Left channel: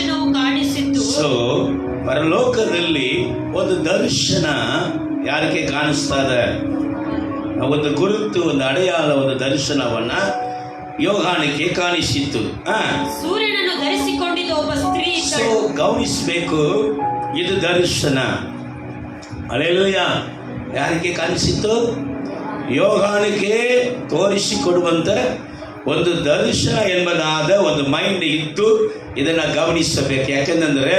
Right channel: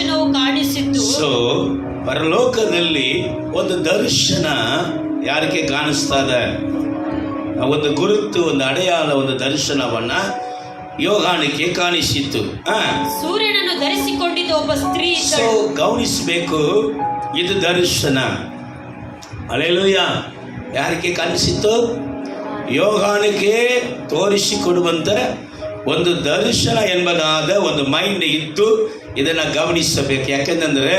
ದರ್ಶನವು ಕಾಣಿಸಿತು. ಪರಲೋಕದಲ್ಲಿ ಒಂದು ದರ್ಶನ ಯಾರಿಗೆ ಕಾಣಿಸ್ತದೆ? ಒಂದು ಗುರುತು, ಒಂದು ಅಡೆಯಾಳ, ಒಂದು ದರ್ಶನವನ್ನ ಯೋಹಾನಕ್ಕೆ ಕಾಣಿಸಿತ್ತು. ಸೂರ್ಯನನ್ನು ಧರಿಸಿಕೊಂಡಿದ್ದ ಒಬ್ಬ ಸ್ತ್ರೀ ಇದ್ದಳು. ಗಮನಿಸಬೇಕು, ಇದು ದರ್ಶನ. ಹಲ್ಲೆಲೂಯಾ. ಯಾರಿಗೆ ಕಾಣಿಸಿತ್ತು? ಯೋಹಾನಕ್ಕೆ ತೋರಿಸಿಕೊಡುವಂತ ಒಂದು ದರ್ಶನ ಎಂಬುದಾದ ಒಂದು ಮೈಂಡ್ ಇದ್ದು ಇದನ್ನು ಗಮನಿಸಬೇಕು. ಯಾಕೆಂದರೆ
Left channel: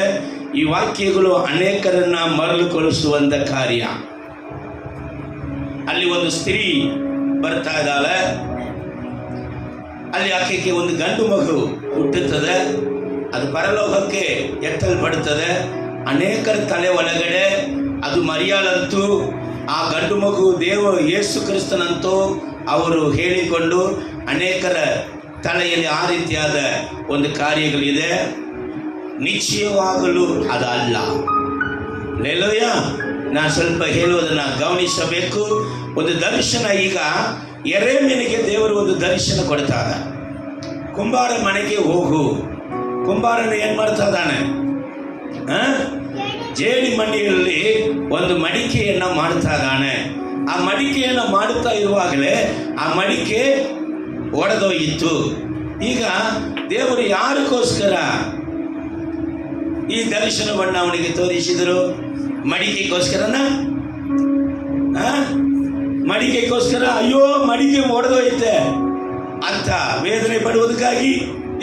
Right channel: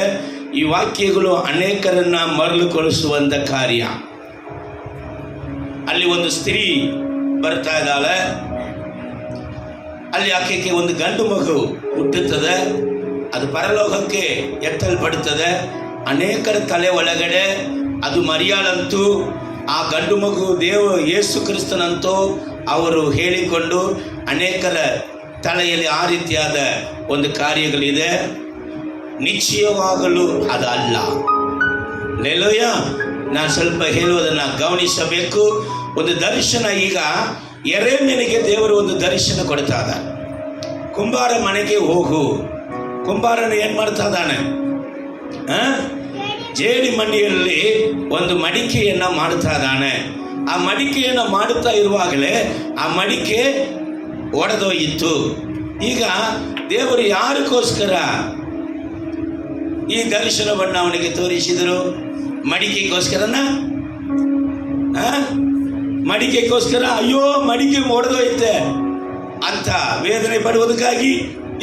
ಈ ವಾಕ್ಯಗಳು ಅನೇಕರನ್ನ ಮರಳುಗೊಳಿಸುವಂತ ಕಾರ್ಯ. ಅಲ್ಲಿ ಒಂದು ಸ್ತ್ರೀ ಬರ್ತಾ ಇದ್ದಾಳೆ, ಅಲ್ಲಿ ಆಕೆಗೆ ಒಂದು ಗಂಡು ಮಗು ಹುಟ್ಟುತ್ತದೆ, ಅದು ಪರಲೋಕಕ್ಕೆ ಎತ್ತಲ್ಪಡುತ್ತದೆ. ಅನೇಕರ ತಲೆ ಒಳಗಡೆ ಅದು ಮರಿಯಾಳಂತೂ, ಆ ಗಂಡು ಮಗು ಯೇಸು ಕ್ರಿಸ್ತನಂತೂ ಅವರು ಹೇಳಿಕೊಂಡು ಅನೇಕರ ತಲೆಯಲ್ಲಿ ಆ ರೀತಿಯಾದ ಒಂದು ಕಾರ್ಯಗಳಿದೆ. ನಿಶ್ಚಯವಾಗಲು ಅದಲ್ಲ. ಹಲ್ಲೆಲೂಯಾ. ನಾನು ಸ್ವಲ್ಪ ಹೇಳುವುದನ್ನು ಗಮನಿಸಬೇಕು. ಒಂದು ದರ್ಶನ, ಈಗ ಯೆರೆಮೀಯನಿಗೆ ದೇವರು ಒಂದು ದರ್ಶನ ಕೊಡ್ತಾ ಇದ್ದ. ಕುಂಬಾರ ಮನೆಗೆ ಹೋಗು. ಕುಂಬಾರನು ಏನ್ ಮಾಡ್ತಾ ಇದ್ದಾನೆ? ಜೇಡಿ ಮಣ್ಣಿನಲ್ಲಿ ಒಂದು ಮಡಿಕೆಯನ್ನ ಮಾಡ್ತಾ ಇದ್ದಾನೆ. ಆ ಮಡಿಕೆಯನ್ನು ಮಾಡುತ್ತಾ ಇರುವಾಗಲೇ ಆ ಮಡಿಕೆ ಒಡೆದೋಯಿತು. ಈಗ ದೇವರು ಯಾರಿಗೋಸ್ಕರ ಈ ದರ್ಶನವನ್ನು ಅವನಿಗೆ ತೋರಿಸಿದರು? ಮಡಿಕೆಗೋಸ್ಕರನ? ಮಡಿಕೆಗೋಸ್ಕರ ಅಯ್ಯೋ ಮಡಿಕೆ ಒಡೆದೋಯ್ತೆ ಅಂತ ವೇದನೆ ಪಡುವುದಕ್ಕಾಗಿ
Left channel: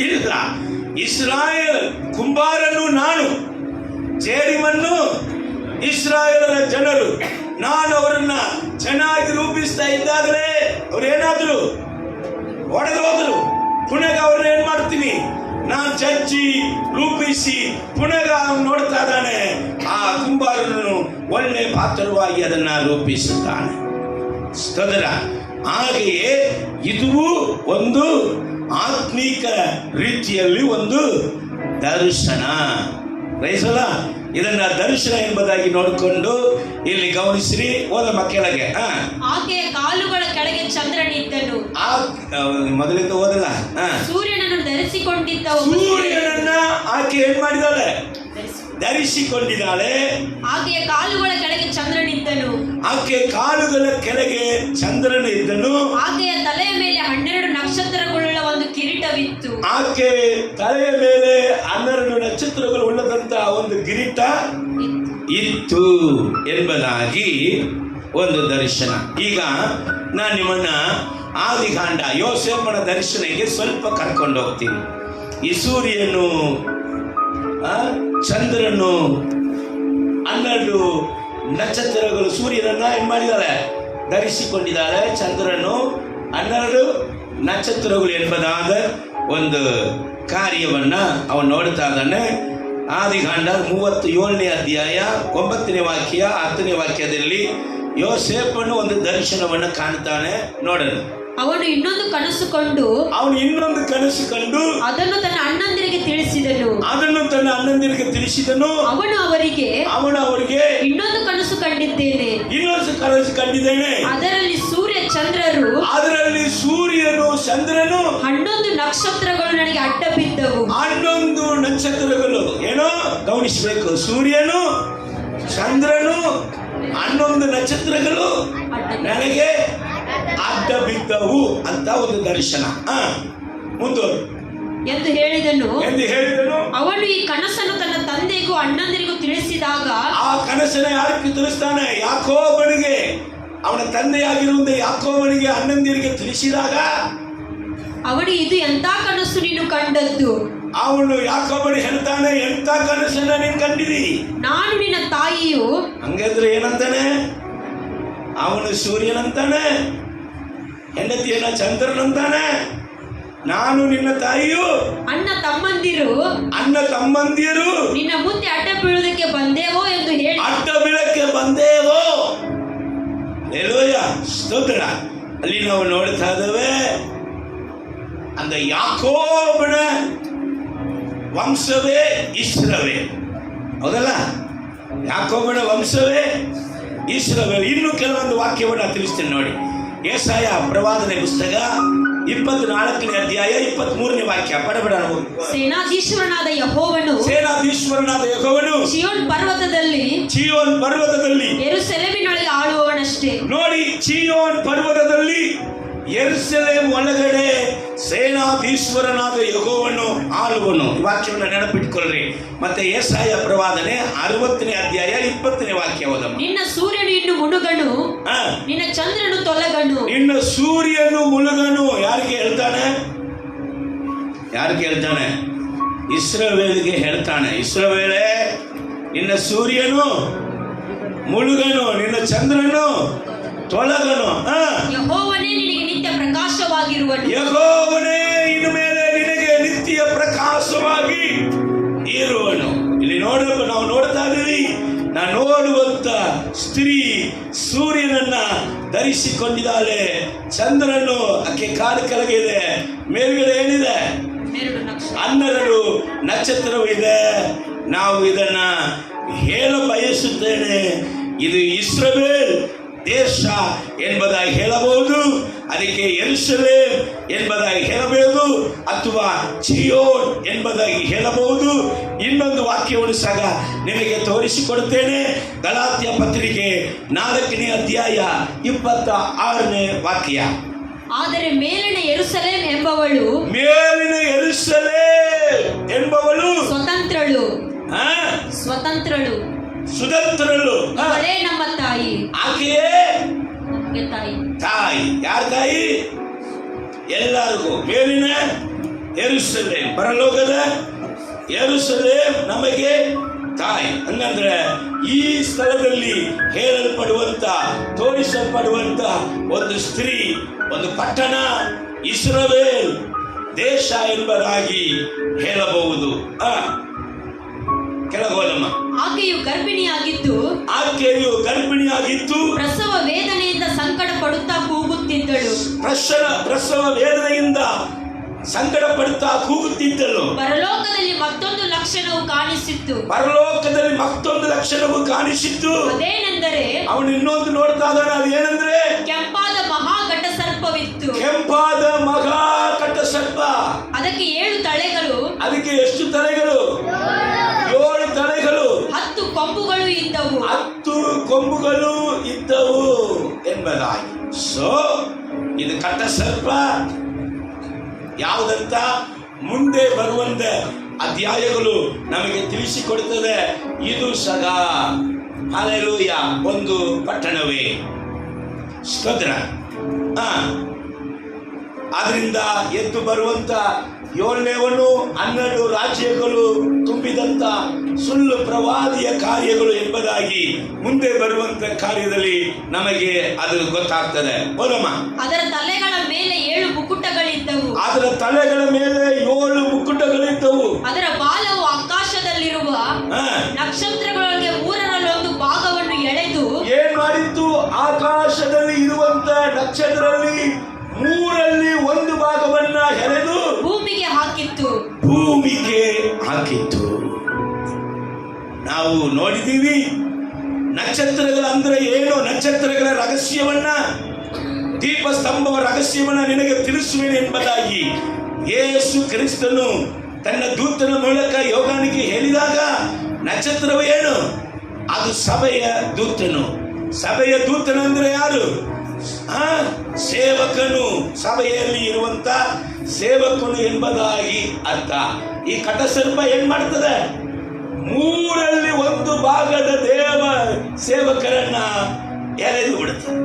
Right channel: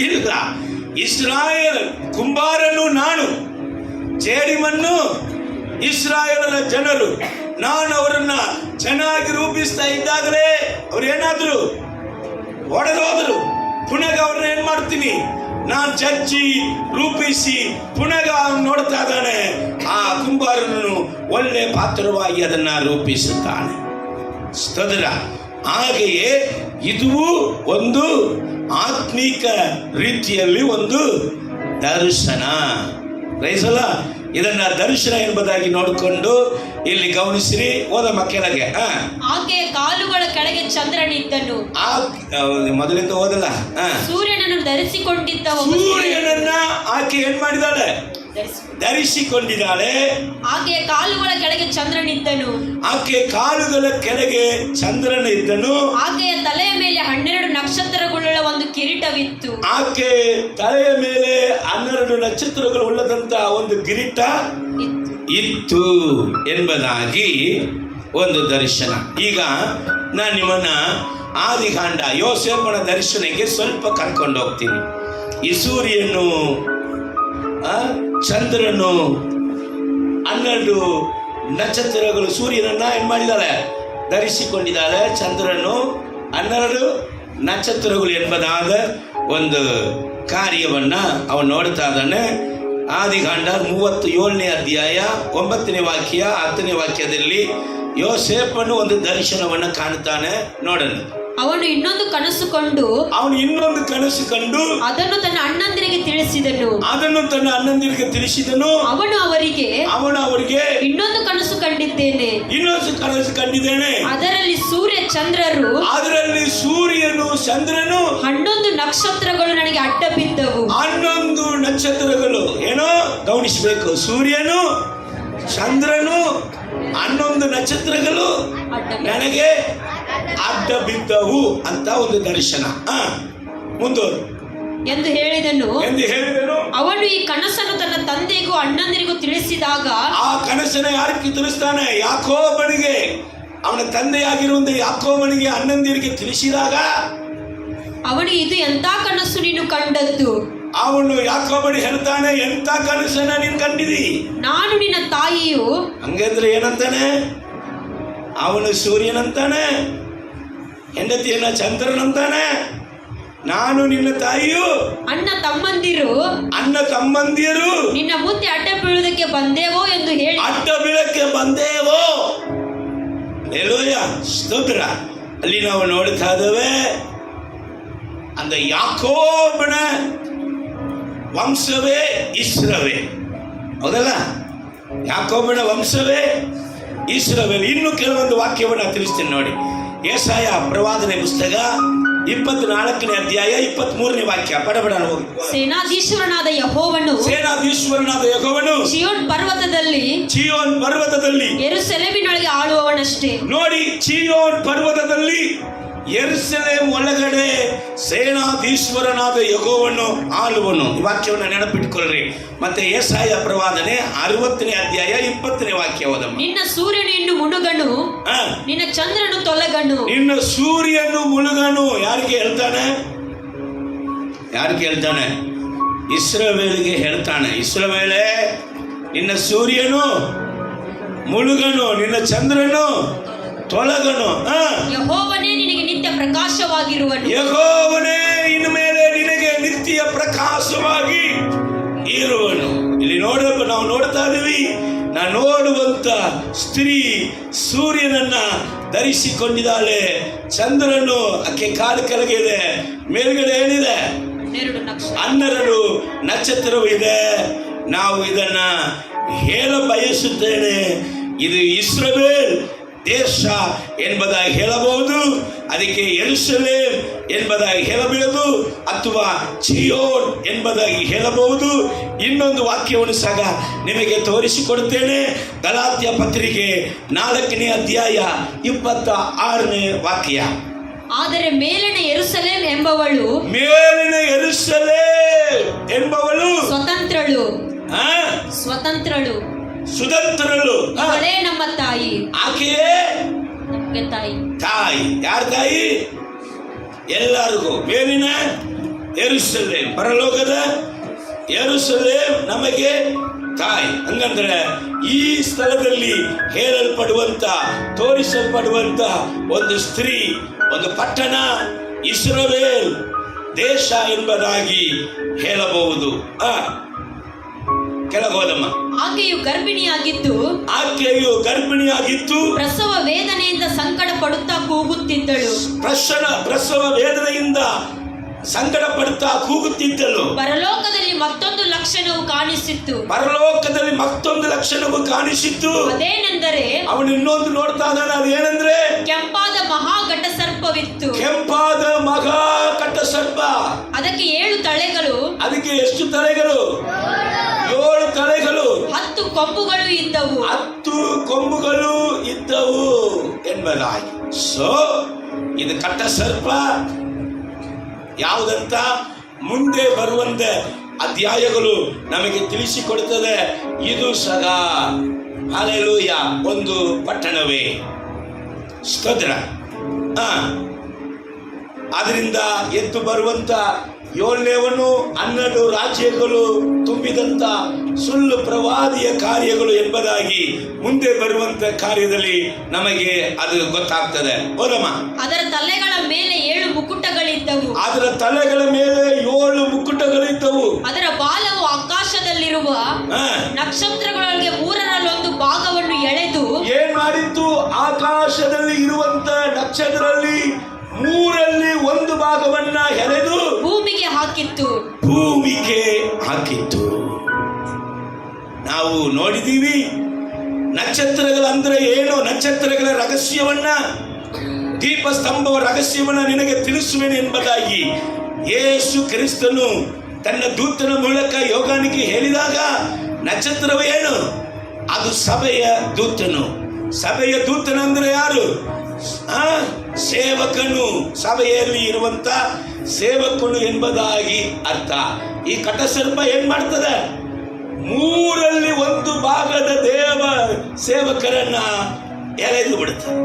ಇಲ್ಲ. ಇಸ್ರಾಯೇಲ್ ಕುಂಬಾರನು ನಾನು, ಜೇಡಿಮಣ್ಣು ಇಸ್ರಾಯೇಲರ ಜನರು. ನಾನು ಅವರನ್ನ ಚೆನ್ನಾಗಿ ರೂಪಿಸ್ತಾ ಇದ್ದಾಗಲೇ ಅವ್ರೇನಾದ್ರು ಒಡೆದೋದ್ರು. ಪುನಃ ಅವ್ರನ್ನ ಏನ್ ಮಾಡ್ತೀನಿ? ನಾನು ಚರ್ಚಿ ರೂಪಿಸಿ ಪುನಃ ನೋಡ್ತಾ ಇದ್ದಾನೆ. ಆ ಕುಂಬಾರನನ್ನು ಒಳ್ಳೆ ಪಾತ್ರವಾಗಿ ಅದನ್ನ ರೂಪಿಸುತ್ತಾನೆ. ಸ್ತೋತ್ರ. ಹಾಗೆಯೇ ಇದು ಒಂದು ಆತ್ಮೀಕ ರೀತಿಯಲ್ಲಿ ಒಂದು ದರ್ಶನ. ರೈಸಲ್ಲ, ಇದನ್ನ ದರ್ಶನ ಎಂಬುದಾಗಿ ನೋಡಿಕೊಂಡು ಇಲ್ಲಿ ಗಮನಿಸಿರಿ. ಓದಮ್ಮ ಕೆಳಗೆ. ಆಕೆಯ ಕಾಲುಗಳ ಕೆಳಗೆ ಚಂದ್ರನಿದ್ದನು. ಮೊದಲಿಂದ ಓದಲ್ಲ. ಸೂರ್ಯನನ್ನು ಧರಿಸಿಕೊಂಡಿದ್ದ. ಸೂರ್ಯನನ್ನ ಆಕೆ ಏನ್ ಮಾಡಿದಾಳೆ? ಧರಿಸಿಕೊಂಡಿದ್ದಾಳೆ. ಆಕೆಯ ಕಾಲುಗಳ ಕೆಳಗೆ ಚಂದ್ರನಿದ್ದನು. ಆಕೆ ಕಾಲುಗಳ ಕೆಳಗೆ ಚಂದ್ರನಿದ್ದನು. ಆಕೆಯ ತಲೆಯ ಮೇಲೆ 12 ನಕ್ಷತ್ರಗಳುಳ್ಳ ಒಂದು ಕಿರೀಟವಿತ್ತು. ಆಕೆ ತಲೆಯ ಮೇಲೆ 12 ನಕ್ಷತ್ರಗಳು ಉಳ್ಳದಂತ ಒಂದು ಕಿರೀಟ ಇತ್ತು ಎಂಬುದಾಗಿ ಒಂದು ದರ್ಶನ. ಈಗ ನಾನು ನಿಮ್ಮನ್ನ ಆದಿಕಾಂಡ ಯೋಸೇಫನ ದರ್ಶನಕ್ಕೆ ಸ್ವಲ್ಪ ಕರ್ಕೊಂಡು ಹೋಗ್ತೀನಿ. ಈ ಸೂರ್ಯನು, ಚಂದ್ರನು, 12 ನಕ್ಷತ್ರಗಳು ಸೂರ್ಯನನ್ನ ಏನ್ ಮಾಡಿದ್ದಾರೆ? ಧರಿಸಿಕೊಂಡಿದ್ದಾರೆ. ಚಂದ್ರನು, 12 ನಕ್ಷತ್ರಗಳು ಎಂಬುದಾದ ಒಂದು ಕಾರ್ಯವನ್ನ ಅವನು ನೋಡ್ತಾ ಇದ್ದಾನೆ. ಆದಿಕಾಂಡ 37ನೇ ಅಧ್ಯಾಯ 9ನೇ ವಾಕ್ಯ 10ನೇ ವಾಕ್ಯದಲ್ಲಿ ಯೋಸೇಫನು ಒಂದು ದರ್ಶನವನ್ನು ಕಾಣ್ತಾನೆ. ನೋಡೋಣ. ಅವನು ಇನ್ನೊಂದು ಕನಸು ಕಂಡು ಅದನ್ನು ತನ್ನ ಅಣ್ಣಂದಿರಿಗೆ ತಿಳಿಸಿದನು. ಅವನು ಅವರಿಗೆ ಇನ್ನೊಂದು ಕನಸು ಕಂಡಿದ್ದೇನೆ. ಅದರಲ್ಲಿ ಸೂರ್ಯನು ಚಂದ್ರನು 11 ನಕ್ಷತ್ರಗಳು ನನಗೆ ಅಡ್ಡ ಬಿದ್ದವು. 11 ನಕ್ಷತ್ರಗಳು ಏನೋ ಗಮನಿಸಬೇಕು. ಸೂರ್ಯನು, ಚಂದ್ರನು, 11 ನಕ್ಷತ್ರಗಳು ನನಗೆ ಅಡ್ಡ ಬಿದ್ದವು ಅಂತ ಒಂದು ದರ್ಶನ. ಮುಂದುವರು ಎಂದು ಹೇಳಿದನು. ಅವನು ಈ ಕನಸನ್ನು ತನ್ನ ತಂದೆಗೂ ಅಣ್ಣಂದಿರಿಗೂ ತಿಳಿಸಿದಾಗ, ಆ ಕನಸನ್ನು ಯಾರಿಗೆ ತಿಳಿಸ್ತಾನೆ? ಯಾಕೋಬನಿಗೆ, ಅವನ ತಂದೆಯಾಗಿರುವಂತ ಯಾಕೋಬನಿಗೆ, ಅಣ್ಣಂದಿರಿಗೆ ತಿಳಿಸಿದಾಗ ಅವನು ಇದು ಎಂತ ಕನಸು ನೀನು ಕಂಡದ್ದು? ಅವನು ಯಾಕೋಬನಿಗೆ ಹೇಳ್ತಾನೆ, ಎಂತ ಕನಸನ್ನ ನೀನು ಕಂಡಿದಿ? ನಾನು ನಿನ್ನ ತಾಯಿಯು. ಹಂಗಂದ್ರೆ ಏನಂತಾನೆ? ಅವನು ಸೂರ್ಯನಂತಾನೆ, ಹೆಂಡತಿಯನ್ನ ಚಂದ್ರನಂತಾನೆ. ನಾನು ನಿನ್ನ ತಾಯಿಯು, ಅಣ್ಣ ತಮ್ಮಂದಿರು ನಿನ್ನ ಮುಂದೆ ಅಡ್ಡ ಬೀಳುವುದಕ್ಕೆ ಬಂದೇವೋ ಎಂದು ಹೇಳಿ. ಅಡ್ಡ ಬೀಳಕ್ಕೆ ಬಂದೇವೋ. ಹಲ್ಲೆಲೂಯಾ, ಸ್ತೋತ್ರ. ಅಲ್ಲಿ ನಾವು ನೋಡ್ತಾ ಇದ್ದೇವೆ, அந்த ಯಾಕೋಬನ ವಂಶವೇ ಇಸ್ರಾಯೇಲ್. ಹೌದಲ್ಲ? ಯಾಕೋಬನ ವಂಶವೇ ಇಸ್ರಾಯೇಲ್. ಇನ್ನು ಕೆಲವೊಂದು ವಾಕ್ಯವನ್ನು ತಿಳಿಸ್ತೇನೆ ನೋಡಿ. ಯೆಶಾಯ ಪ್ರವಾದನೆ ಪುಸ್ತಕ 24ನೇ ಅಧ್ಯಾಯ 23ನೇ ವಾಕ್ಯ. ಪಡಬಡ. ಸೇನಾಧೀಶ್ವರನಾದ ಯೆಹೋವನು ಸೇನಾಧೀಶ್ವರನಾದ ಯೆಹೋವನು ಚಿಯೋನ್ ಪರ್ವತದಲ್ಲಿ ಯೆರೂಸಲೇಮಿನೊಳಗೆ ಆಳುವವನಷ್ಟೇ. ನೋಡಿ, ಚಿಯೋನ್ ಪರ್ವತದಲ್ಲಿ ಯೆರೂಸಲೇಮ್ ಒಳಗಡೆ ಸೇನಾಧೀಶ್ವರನಾದ ಯೆಹೋವನು ಆಳುವನು. ಈ ವಾಕ್ಯವನ್ನು ನೆನಪಿಟ್ಕೊಳ್ಳ್ರಿ. ಮತ್ತೆ ಯೆಶಾಯ ಪ್ರವಾದನೆ 60ನೇ ಅಧ್ಯಾಯ 20ನೇ ವಾಕ್ಯ ಓದಮ್ಮ. ನಿನ್ನ ಸೂರ್ಯನು ಇನ್ನು ಮುಳುಗನು, ನಿನ್ನ ಚಂದ್ರನು ತೊಲಗನು. ನಿನ್ನ ಸೂರ್ಯನು ಮುಳುಗನು. ಯಾರಿಗೆ ಹೇಳ್ತಾನೆ? ಇಸ್ರಾಯೇಲಿಗೆ ಹೇಳ್ತಾನೆ. ಇಸ್ರಾಯೇಲೇ, ನಿನ್ನ ಸೂರ್ಯನು ಮುಳುಗನು, ನಿನ್ನ ಚಂದ್ರನು ತೊಲಗನು. ಯೆಹೋವನೇ ನಿನಗೆ ನಿತ್ಯ ಪ್ರಕಾಶವಾಗಿರುವನು. ಯೆಹೋವನೇ ಇನ್ನು ಮೇಲೆ ನಿನಗೆ ನಿತ್ಯ ಪ್ರಕಾಶವಾಗಿ ಇರುವನು. ಇಲ್ಲಿ ನಾವು ನೋಡ್ತಾ ಇದೀವಿ, ನಾನು ನೋಡುವಂತ ಸ್ತ್ರೀ ಸೂರ್ಯನನ್ನ ಧರಿಸಿಕೊಂಡಿದ್ದಾಳೆ. ಚಂದ್ರನು ಆಕೆ ಕಾಲು ಕೆಳಗಿದೆ, ಮೇಲ್ಗಡೆ ಏನಿದೆ? 12 ನಕ್ಷತ್ರವಿದೆ. ನಾವು ಇದನ್ನ ಹೇಳ ಬಯಸುತ್ತೇನೆ. ಇದು ಇಸ್ರಾಯೇಲ್ ದೇಶ ಎಂಬುದಾಗಿ ಹೇಳಬಹುದು, ಅದಕ್ಕೆ ಯೆರೂಸಲೇಮ್ ಎಂಬುದಾಗಿ ಹೇಳಬಹುದು, ಅಥವಾ ಚಿಯೋನ್ ಎಂಬುದಾಗಿ ಹೇಳಬಹುದು. ಇನ್ನೊಂದು ವಾಕ್ಯವನ್ನು ಸಹ ನಿಮಗೆ ತೋರಿಸಿಕೊಡುತ್ತೇನೆ. ಗಲಾತ್ಯ ಪತ್ರಿಕೆ 4ನೇ ಅಧ್ಯಾಯ 26ನೇ ವಾಕ್ಯ. ಆದರೆ ಮೇಲಿನ ಯೆರೂಸಲೇಮ್ ಎಂಬವಳು ಸ್ವತಂತ್ರಳು ಅವಳೇ ನಮ್ಮ ತಾಯಿ. ಆಕೆಯೇ ನಮಗೆ ತಾಯಿ. ಯಾರ ತಾಯಿ? ಎಲ್ಲರಿಗೂ. ಮೇಲಿನ ಯೆರೂಸಲೇಮ್, ಪರಲೋಕದ ಯೆರೂಸಲೇಮ್ ನಮಗೆ ತಾಯಿ. ಹಂಗಂದ್ರೆ ಈ ಸ್ಥಳದಲ್ಲಿ ಹೇಳಲ್ಪಡುವಂತ, ತೋರಿಸಲ್ಪಡುವಂತ ಒಂದು ಸ್ತ್ರೀ, ಒಂದು ಪಟ್ಟಣ ಇಸ್ರಾಯೇಲ್ ದೇಶ ಎಂಬುದಾಗಿ ಹೇಳಬಹುದು. ಕೆಳಗೋದಮ್ಮ. ಆಕೆಯು ಗರ್ಭಿಣಿಯಾಗಿದ್ದು ಪ್ರಸವ ವೇದನೆಯಿಂದ ಸಂಕಟ ಪಡುತ್ತಾ ಕೂಗುತ್ತಿದ್ದಳು. ಪ್ರಸವ ವೇದನೆಯಿಂದ ಸಂಕಟ ಪಡುತ್ತಾ ಕೂಗುತ್ತಿದ್ದಳು. ಪರಲೋಕದಲ್ಲಿ ಮತ್ತೊಂದು ಲಕ್ಷಣವು ಕಾಣಿಸಿತ್ತು. ಅದೇನೆಂದರೆ, ಅವನು ಇನ್ನೊಂದು ನೋಡ್ತಾ ಇದ್ದಾನೆ. ಅದೇನೆಂದ್ರೆ, ಕೆಂಪಾದ ಮಹಾಘಟ ಸರ್ಪವಿತ್ತು. ಕೆಂಪಾದ ಮಹಾಘಟ ಸರ್ಪ. ಅದಕ್ಕೆ 7 ತಲೆಗಳು. ಅದಕ್ಕೆ ಎಷ್ಟು ತಲೆಗಳು? 7 ತಲೆಗಳು. 10 ಕೊಂಬುಗಳು ಇದ್ದವು. 10 ಕೊಂಬುಗಳು ಇದ್ದವು ಎಂಬುದಾಗಿ. ಇದು ಕಟ್ಟ ಸರ್ಪ ಯಾವುದಂತ ಮುಂದೆ ಬರುವಂತ ಅಧ್ಯಾಯಗಳು ನಮಗೆ ತಿಳಿಸಿಕೊಡುತ್ತದೆ. ಇದು ಸಹ ಹಲ್ಲೆಲೂಯಾ ಒಂದು ಪಟ್ಟಣವೇ. ಸ್ತೋತ್ರ. ಅದರಿಂದ ಎದ್ದು ಬರುವಂತ 7ನೇವನು 12 ರಾಜ್ಯಗಳು ತುಂಬಿದಂತ ಸುಳ್ಳು ಪ್ರವಾದಿಯ ಕಾರ್ಯಗಳು ಎಂಬುದಾಗಿ ಮುಂದೆ ಬರುವಂತ ಕಾರ್ಯದಲ್ಲಿ ನಮಗೆ ಅದು ಗೊತ್ತಾಗ್ತದೆ. ಓದಮ್ಮ. ಅದರ ತಲೆಗಳ ಮೇಲೆ 7 ಮುಕುಟಗಳಿದ್ದವು. ಅದರ ತಲೆಗಳ ಮೇಲೆ 7 ಮುಕುಟಗಳಿದ್ದವು. ಅದರ ಬಾಲವು ಆಕಾಶದಲ್ಲಿರುವ ನಕ್ಷತ್ರಗಳೊಳಗೆ 1/3 ಭಾಗವನ್ನು ಎಳೆದು ಏನ್ ಮಾಡಿತ್ತು? ಆಕಾಶದಲ್ಲಿ ಇರುವಂತ ನಕ್ಷತ್ರದಲ್ಲಿ 1/3 ಭಾಗವನ್ನ ಎಳೆದು ಭೂಮಿಗೆ ಹಾಕಿತ್ತು. ನಾವು ನೋಡಿದೀವಿ ನಕ್ಷತ್ರಗಳಂದ್ರೆ ಏನು, ನಕ್ಷತ್ರಗಳ ರಹಸ್ಯವನ್ನ, ದೀಪಸ್ತಂಭವ ರಹಸ್ಯವನ್ನ ನಿನಗೆ ತಿಳಿಸುವೇನೆ ಎಂಬುದಾಗಿ ಯೇಸು ಕ್ರಿಸ್ತನು ತನ್ನ ದೂತನ ಮೂಲಕ ಯೋಹಾನನಿಗೆ ಹೇಳಿದಾಗ, ನಕ್ಷತ್ರವೇನು? ಅದು ಸಭೆಯ ದೂತನು. ಸಭೆಯ ದೂತನು ಅಂದ್ರೆ ಯಾರು? ಸೇವಕನು. ಸಭೆಯಲ್ಲಿ ಇರುವಂತ ಸೇವಕನು ಎಂಬುದಾಗಿ ಅರ್ಥ. ಈ ಕಟಸರ್ಪ ಏನ್ ಮಾಡ್ತದೆ? 1/3 ಭಾಗದ ದೇವ ಸೇವಕರನ್ನ ಎಳೆದು ಬಿಡುತ್ತದೆ.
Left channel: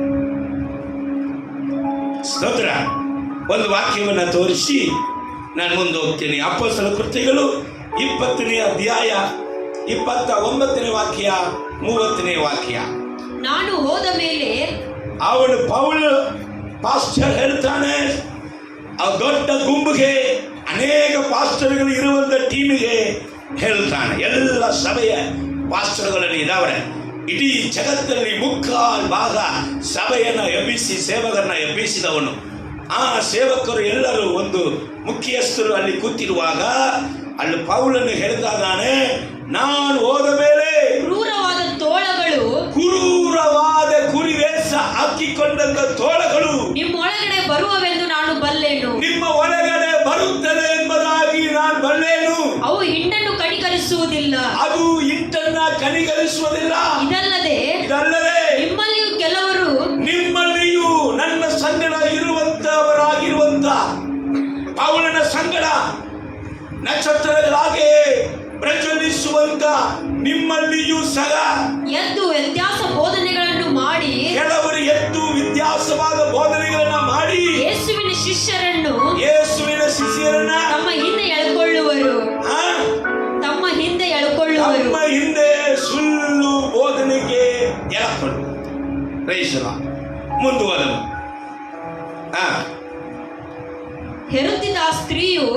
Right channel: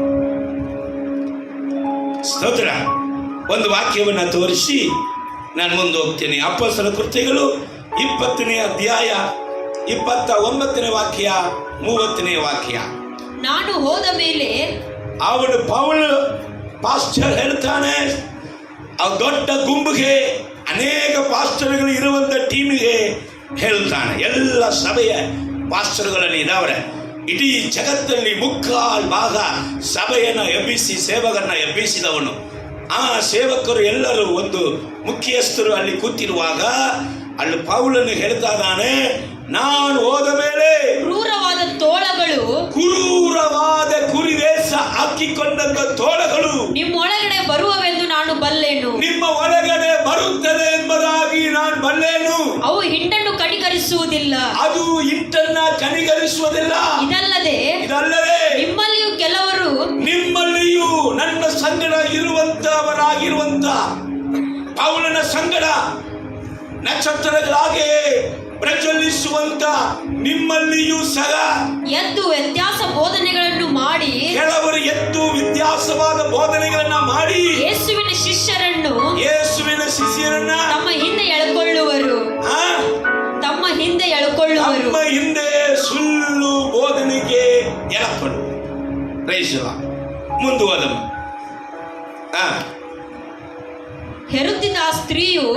ಸ್ತೋತ್ರ. ಒಂದು ವಾಕ್ಯವನ್ನು ತೋರಿಸಿ ನಾನು ಮುಂದೆ ಹೋಗ್ತೇನೆ. ಅಪೊಸ್ತಲ ಕೃತ್ಯಗಳು 20ನೇ ಅಧ್ಯಾಯ 29ನೇ ವಾಕ್ಯ 30ನೇ ವಾಕ್ಯ. ನಾನು ಹೋದ ಮೇಲೆ ಅವನು ಪೌಲ್ ಪಾಸ್ಟರ್ ಹೇಳ್ತಾನೆ, ಆ ದೊಡ್ಡ ಗುಂಪಿಗೆ, ಅನೇಕ ಪಾಸ್ಟರ್ಗಳು ಇರುವಂತ ಟೀಮಿಗೆ ಹೇಳ್ತಾನೆ. ಎಲ್ಲ ಸಭೆಯ ಪಾಸ್ಟರ್ಗಳಲ್ಲಿ ಇದಾವ್ರೆ. ಇಡೀ ಜಗತ್ತಲ್ಲಿ 3/4 ಭಾಗ ಸಭೆಯನ್ನು ಎಬ್ಬಿಸಿ ಸೇವಕರನ್ನ ಎಬ್ಬಿಸಿದವನು. ಆ ಸೇವಕರು ಎಲ್ಲರೂ ಒಂದು ಮುಖ್ಯಸ್ಥರು ಅಲ್ಲಿ ಕೂತಿರುವಾಗ ಅಲ್ಲಿ ಪೌಲನ್ನು ಹೇಳ್ತಾ ಇದ್ದಾನೆ, ನಾನು ಹೋದ ಮೇಲೆ ಕ್ರೂರವಾದ ಕುರಿವೇಷ ಹಾಕಿಕೊಂಡಂತ ತೋಳಗಳು ನಿಮ್ಮೊಳಗಡೆ ಬರುವವೆಂದು ನಾನು ಬಲ್ಲೆನು. ನಿಮ್ಮ ಒಳಗಡೆ ಬರುತ್ತದೆ ಎಂಬುದಾಗಿ ನಾನು ಬಲ್ಲೆನು. ಅವು ಹಿಂಡನ್ನು ಕಡಿಕರಿಸುವ ಕನಿಕರಿಸುವುದಿಲ್ಲ. ಅದು ಹಿಟ್ಟನ್ನ ಕನಿಕರಿಸುವುದಿಲ್ಲ. ಇದಲ್ಲದೆ ನಿಮ್ಮಲ್ಲಿಯೂ ಕೆಲವರು ನಿಮ್ಮಲ್ಲಿಯೂ ನನ್ನ ಸಂಗಡ ಇರುವಂತವರಾಗಿರುವಂತ ಪೌಲನ ಸಂಗಡ ನಕ್ಷತ್ರಗಳಾಗೆ ಪ್ರಜ್ವಲಿಸುವಂತ ನಿಮ್ಮಲ್ಲಿಯೂ ಸಹ ಎದ್ದು ವ್ಯತ್ಯಾಸ ಬೋಧನೆಗಳನ್ನು ಮಾಡಿ, ಕೆಲವರು ಎದ್ದು ವ್ಯತ್ಯಾಸವಾದ ಬೋಧನೆಗಳನ್ನ ಮಾಡಿ ಯೇಸುವಿನ ಶಿಷ್ಯರನ್ನು ತಮ್ಮ ಹಿಂದೆ ಎಳ್ಕೊಳ್ಳುವರು. ತಮ್ಮ ಹಿಂದೆ ಸುಳ್ಳು ಬೋಧನೆಗೆ ಎಳಕೊಳ್ಳು. ಮುಂದುವರೆದು ಹೆರುತ್ತಿದ್ದ ಸ್ತ್ರೀಯು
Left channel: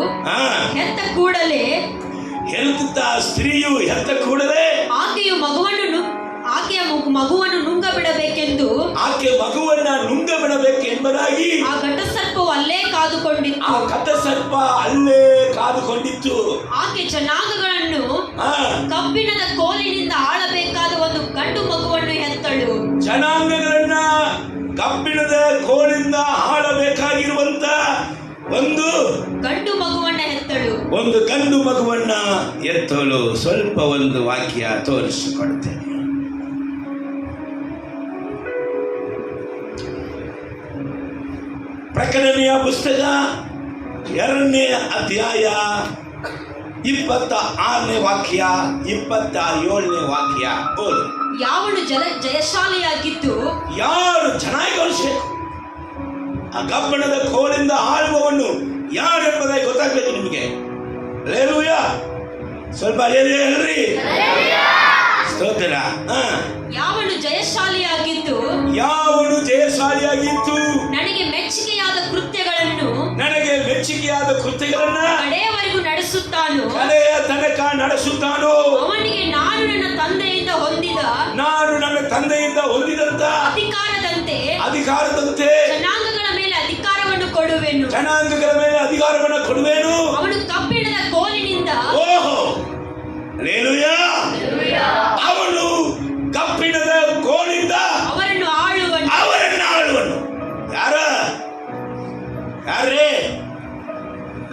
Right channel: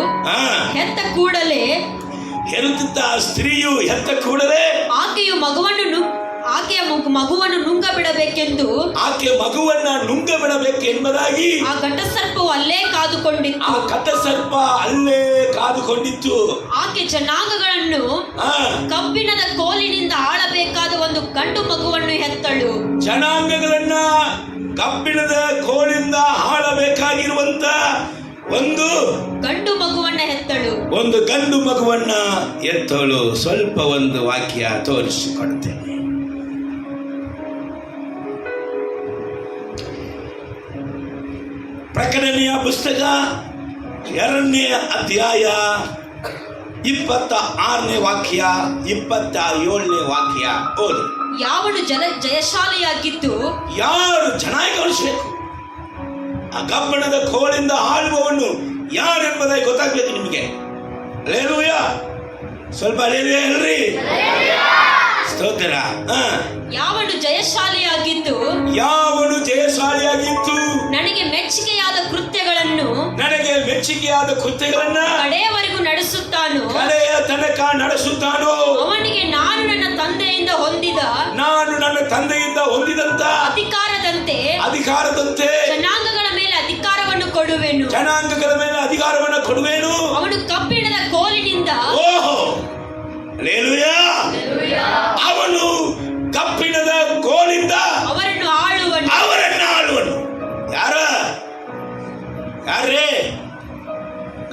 ಹೆತ್ತ ಕೂಡಲೇ ಆಕೆಯ ಮಗುವನ್ನು ನುಂಗಬಿಡಬೇಕೆಂದು ಎಂಬುದಾಗಿ ಆ ಘಟಸರ್ಪವು ಅಲ್ಲೇ ಕಾದುಕೊಂಡಿತ್ತು. ಆಕೆ ಜನಾಂಗಗಳನ್ನು ಕಬ್ಬಿಣದ ಕೋಲಿನಿಂದ ಆಳಬೇಕಾದ ಒಂದು ಗಂಡು ಮಗುವನ್ನು ಹೆತ್ತಳು. ಜನಾಂಗಗಳನ್ನ ಕಬ್ಬಿಣದ ಕೋಲಿಂದ ಆಳಬೇಕಾಗಿರುವಂತ ಒಂದು ಗಂಡು ಮಗುವನ್ನ ಎತ್ತಳು. ಸ್ವಲ್ಪ ಒಂದು ವಾಕ್ಯ ತೋರಿಸಿಕೊಡ್ತೇನೆ. ಪ್ರಕಟಣೆಯ ಪುಸ್ತಕ 2ನೇ ಅಧ್ಯಾಯ 26ನೇ ವಾಕ್ಯ 27ನೇ ವಾಕ್ಯ ಓದು. ಯಾವನು ಜಯಶಾಲಿಯಾಗಿದ್ದು, ಯಾರು ಚೆನ್ನಾಗಿ ಕಲಿಸಬೇಕು, ಆ ಕಬ್ಬಿಣದ ಕೋಲಿಂದ ಆಳುವವನು ಯಾರೆಂಬುದಾಗಿ ಗೊತ್ತಾಗ್ಬೇಕು ನಿಮಗೆ. ಹಲ್ಲೆಲೂಯಾ, ಸ್ವಲ್ಪ ಹಲ್ಲೆಲೂಯಾ ಹೇಳ್ರಿ. ಸ್ತೋತ್ರ. ಯಾವನು ಜಯಶಾಲಿಯಾಗಿದ್ದು ನನಗೆ ಮೆಚ್ಚುಗೆಯಾದ ಕೃತ್ಯಗಳನ್ನು ಕಡೆಯವರೆಗೂ ಕಡೆಯ ತನಕ ನಡೆಸುತ್ತಾನೋ, ಅವನಿಗೆ ನಾನು ನನ್ನ ತಂದೆಯಿಂದ ಹೊಂದಿದಂತ ಅಧಿಕಾರದಂತೆ ಜನಾಂಗಗಳ ಮೇಲೆ ಅಧಿಕಾರವನ್ನು ಕೊಡುವೆನು. ಅವನು ಕಬ್ಬಿಣದ ಕೋಲಿನಿಂದ ಅವನು ಕಬ್ಬಿಣದ ಕೋಲಿಂದ ಅವರನ್ನು ಆಳುವನು. ಯಾರೇ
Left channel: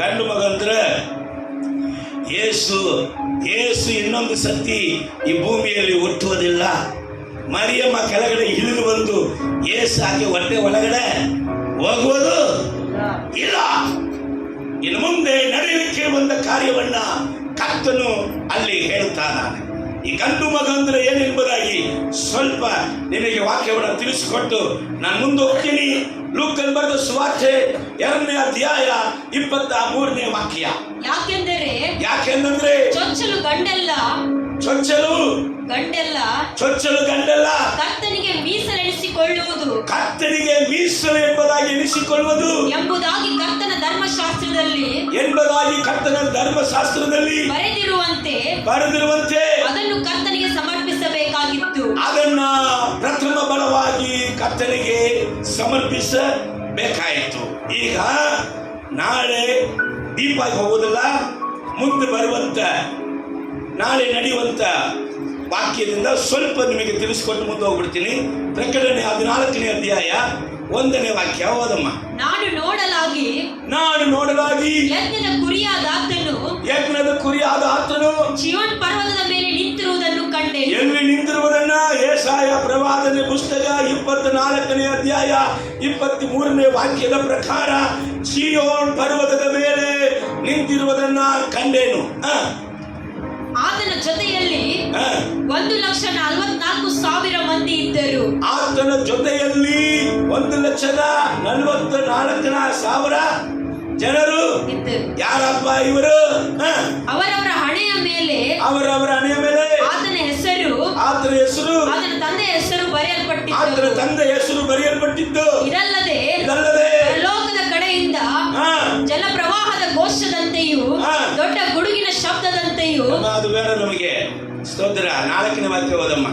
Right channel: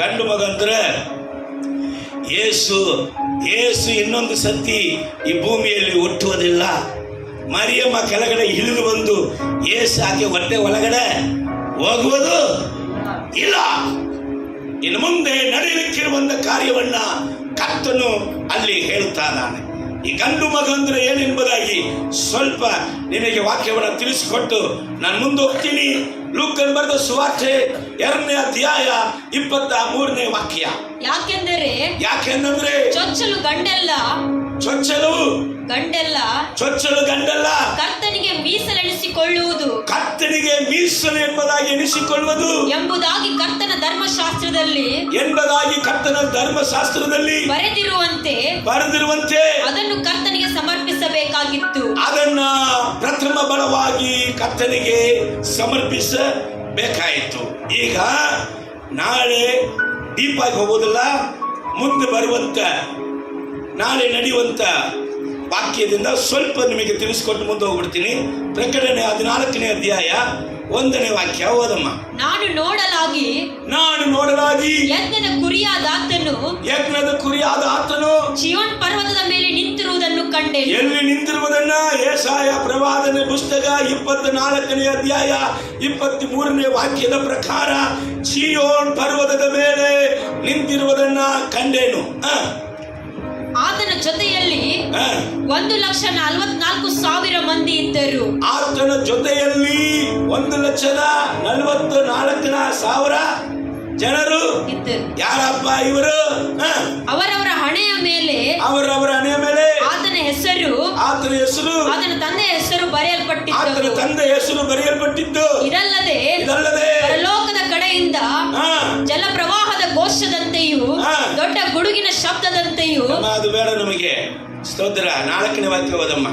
ಗಂಡು ಮಗಂದ್ರ ಯೇಸು ಇನ್ನೊಂದು ಸತಿ ಈ ಭೂಮಿಯಲ್ಲಿ ಹುಟ್ಟುವುದಿಲ್ಲ. ಮರಿಯಮ್ಮ ಕೆಳಗಡೆ ಇಳಿದು ಬಂದು ಯೇಸು ಆಕೆ ಹೊಟ್ಟೆ ಒಳಗಡೆ ಹೋಗುವುದು ಇಲ್ಲ. ಇನ್ನು ಮುಂದೆ ನಡೆಯಲಿಕ್ಕಿರುವಂತ ಕಾರ್ಯವನ್ನ ಕರ್ತನು ಅಲ್ಲಿ ಹೇಳ್ತಾ ಇದ್ದಾನೆ. ಈ ಗಂಡು ಮಗ ಅಂದ್ರೆ ಏನೆಂಬುದಾಗಿ ಸ್ವಲ್ಪ ನಿನಗೆ ವಾಕ್ಯವನ್ನು ತಿಳಿಸಿಕೊಟ್ಟು ನಾನು ಮುಂದೆ ಹೋಗ್ತೀನಿ. ಲೂಕನ ಬರೆದ ಸುವಾರ್ತೆ 2ನೇ ಅಧ್ಯಾಯ 23ನೇ ವಾಕ್ಯ. ಯಾಕೆಂದರೆ ಚೊಚ್ಚಲು ಗಂಡಲ್ಲ ಕರ್ತನಿಗೆ ಮೀಸಲು ಎಂಬುದಾಗಿ ಎಣಿಸಿಕೊಳ್ಳುವುದು ಎಂಬುದಾಗಿ ಕರ್ತನ ಧರ್ಮಶಾಸ್ತ್ರದಲ್ಲಿ ಬರೆದಿರುವಂತೆ ಅದನ್ನು ಕರ್ತನಿಗೆ ಸಮರ್ಪಿಸಬೇಕಾಗಿತ್ತು. ಅದನ್ನ ಪ್ರಥಮ ಬಲವಾಗಿ ಕರ್ತನಿಗೆ ಸಮರ್ಪಿಸಬೇಕಾಯಿತು. ಈಗ ನಾಳೆ ದೀಪ ಹೋಗುವುದಿಲ್ಲ, ಮುಂದೆ ಬರುವಂತ ನಾಳೆ ನಡೆಯುವಂತ ವಾಕ್ಯದಿಂದ ಸ್ವಲ್ಪ ನಿಮಗೆ ತಿಳಿಸಿಕೊಟ್ಟು ಮುಂದೆ ಹೋಗ್ಬಿಡ್ತೀನಿ. ಪ್ರಕಟಣೆ 14ನೇ ಅಧ್ಯಾಯ 1ನೇ ವಾಕ್ಯ ಓದಮ್ಮ. ನಾನು ನೋಡಲಾಗಿ ಯಜ್ಞದ ಕುರಿಯಾದ ಆತನು ಚೀಯೋನ್ ಪರ್ವತದ ಮೇಲೆ ನಿಂತಿರುವುದನ್ನು ಕಂಡೆನು. ಎಲ್ಲಿ ನಿಂತಿರುವುದನ್ನ ಯೆಶಾಯ ಪ್ರವಾದನೆ ಪುಸ್ತಕ 24ನೇ ಅಧ್ಯಾಯ 23ನೇ ವಾಕ್ಯದ ಪ್ರಕಾರ ಚೀಯೋನ್ ಪರ್ವತದ ಮೇಲೆ ನಿಂತಿರುವುದನ್ನ ಕಂಡೆನು. ಆತನ ಜೊತೆಯಲ್ಲಿ 1,44,000 ಮಂದಿ ಇದ್ದರು. ಆತನ ಜೊತೆಯಲ್ಲಿ 1,44,000 ಜನರು ಇದ್ದರು. ಯಾರಪ್ಪ ಇವರು? ಅವರವರ ಹಣೆಯ ಮೇಲೆ ಆತನ ಹೆಸರು ಆತನ ತಂದೆಯ ಹೆಸರು ಬರೆಯಲ್ಪಟ್ಟಿತ್ತು. ಇದಲ್ಲದೆ ಲೋಕದ ಕಡೆಯಿಂದ ಜಲಪ್ರವಾಹದ ಘೋಷದಂತೆಯೂ ದೊಡ್ಡ ಗುಡುಗಿನ ಶಬ್ದದಂತೆಯೂ. ಅದು ಬೇಡ ನಮಗೆ. ಸ್ತೋತ್ರ. 4ನೇ ವಾಕ್ಯ ಓದಮ್ಮ.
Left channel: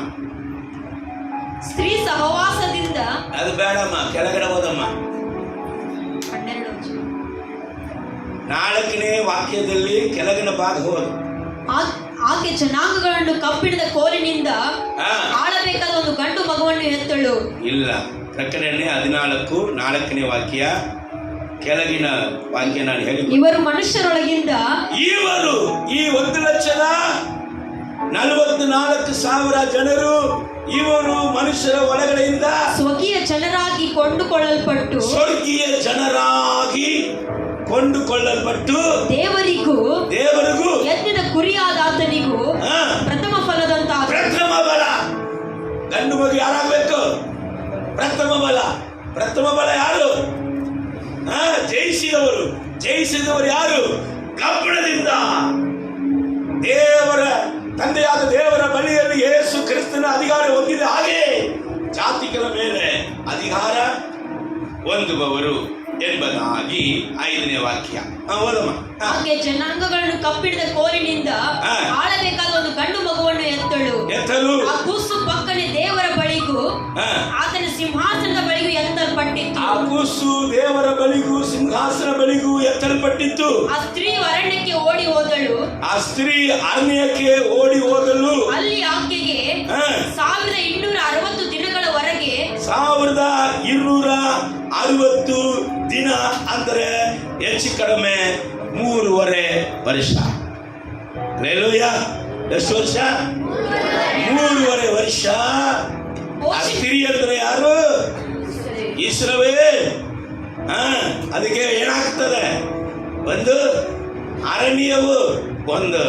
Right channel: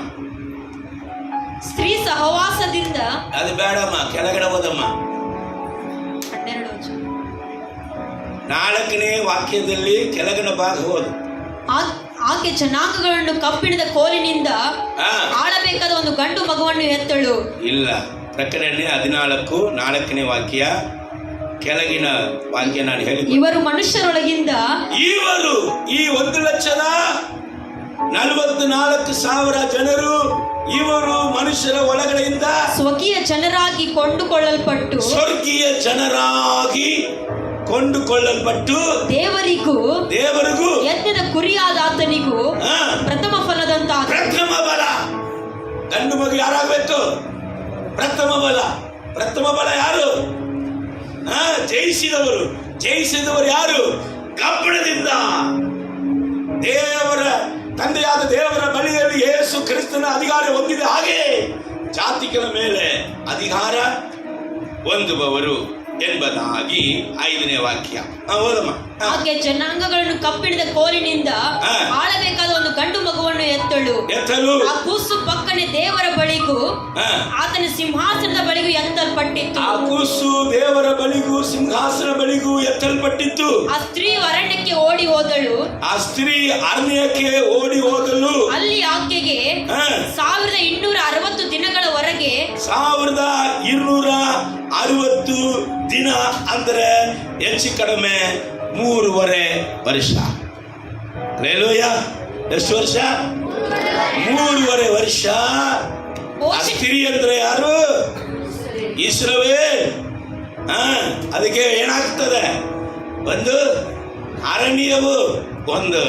ಸ್ತ್ರೀ ಸಹವಾಸದಿಂದ ಅದು ಬೇಡಮ್ಮ, ಕೆಳಗಡೆ ಓದಮ್ಮ. 4ನೇ ವಾಕ್ಯದಲ್ಲಿ ಕೆಳಗಿನ ಭಾಗ ಓದು. ಆಕೆ ಜನಾಂಗಗಳನ್ನು ಕಬ್ಬಿಣದ ಕೋಲಿನಿಂದ ಆಳಬೇಕಾದ ಒಂದು ಗಂಡು ಮಗುವನ್ನು ಹೆತ್ತಳು. ಇಲ್ಲ, ಪ್ರಕಟಣೆ 14:4ನೇ ವಾಕ್ಯ ಕೆಳಗಿನ ವಾಕ್ಯ ನಾನು ಹೇಳಿ, ಇವರು ಮನುಷ್ಯರೊಳಗಿಂದ ಈ 1,00,000 54,000 ಜನರು ಇವರು ಮನುಷ್ಯರ ಒಳಗಡೆಯಿಂದ ಸ್ವಕೀಯ ಜನರಾಗಿ ಕೊಂಡುಕೊಳ್ಳಲ್ಪಟ್ಟು ಸ್ವರ್ಗೀಯ ಜನರಾಗಿ ಕೊಂಡುಕೊಳ್ಳಲ್ಪಟ್ಟು ದೇವರಿಗೂ ಯಜ್ಞದ ಕುರಿಯಾದ ಆತನಿಗೂ ಆ, ಪ್ರಥಮ ಫಲದಂತ ಪ್ರಥಮ ಬಲ. ಗಂಡು ಮಗು ಯಾರಾಗಬೇಕು? ಪ್ರಥಮ ಬಲ ಯಾರು? ಜಯಿಸಿದವರು ಯಾರು? ಕಬ್ಬಣದಿಂದ ದೇವರ ತಂದೆಯಾದ ದೇವರ ಬಳಿಯಲ್ಲಿ ಯೇಸು ಕ್ರಿಸ್ತನ ಅಧಿಕಾರ ಹೊಂದಿದ ಹಾಗೆ ಜಾತಿಗಳ ಮೇಲೆ ಅಧಿಕಾರ ಹೊಂದುವವರು ಎಂಬುದಾಗಿ 5ನೇ ವಾಕ್ಯ. ಓದಮ್ಮ. ಹಾಗೆ ಜನಾಂಗಗಳನ್ನು ಕಬ್ಬಿಣದ ಕೋಲಿನಿಂದ ಆಳಬೇಕಾದ ಒಂದು ಗಂಡು ಮಗುವನ್ನು ಎತ್ತಲು ಆ ಕೂಸು ಪಕ್ಕನೆ ದೇವರ ಬಳಿಗೂ ಆತನ ಸಿಂಹಾಸನದ ಬಳಿಗೂ ಎತ್ತಲ್ಪಟ್ಟಿತ್ತು. ಆ ಕೂಸು ದೇವರ ಬಳಿಗೂ ಸಿಂಹಾಸನ ಬಳಿಗೂ ಎತ್ತಲ್ಪಟ್ಟಿತ್ತು. ಆ ಸ್ತ್ರೀ ಅರಣ್ಯಕ್ಕೆ ಓಡಿ ಹೋದಳು. ಅಲ್ಲಿ ಆಕೆಗೆ 1260 ದಿನಗಳವರೆಗೆ 1260 ದಿನ ಅಂದರೆ ಹೆಚ್ಚು ಕಡಿಮೆ 3.5 ವರ್ಷ. ಲೇಲೂಯ. ಎಷ್ಟು ವರ್ಷ? 3.5 ವರ್ಷ. ಆ ಸ್ತ್ರೀ ಅಂದ್ರೆ ಯಾರು? ಇಸ್ರಾಯೇಲ್. ಅದಕ್ಕೆ ಏನಾಗ್ತದೆ? ಒಂದು ಅರಣ್ಯವು, ಒಂದು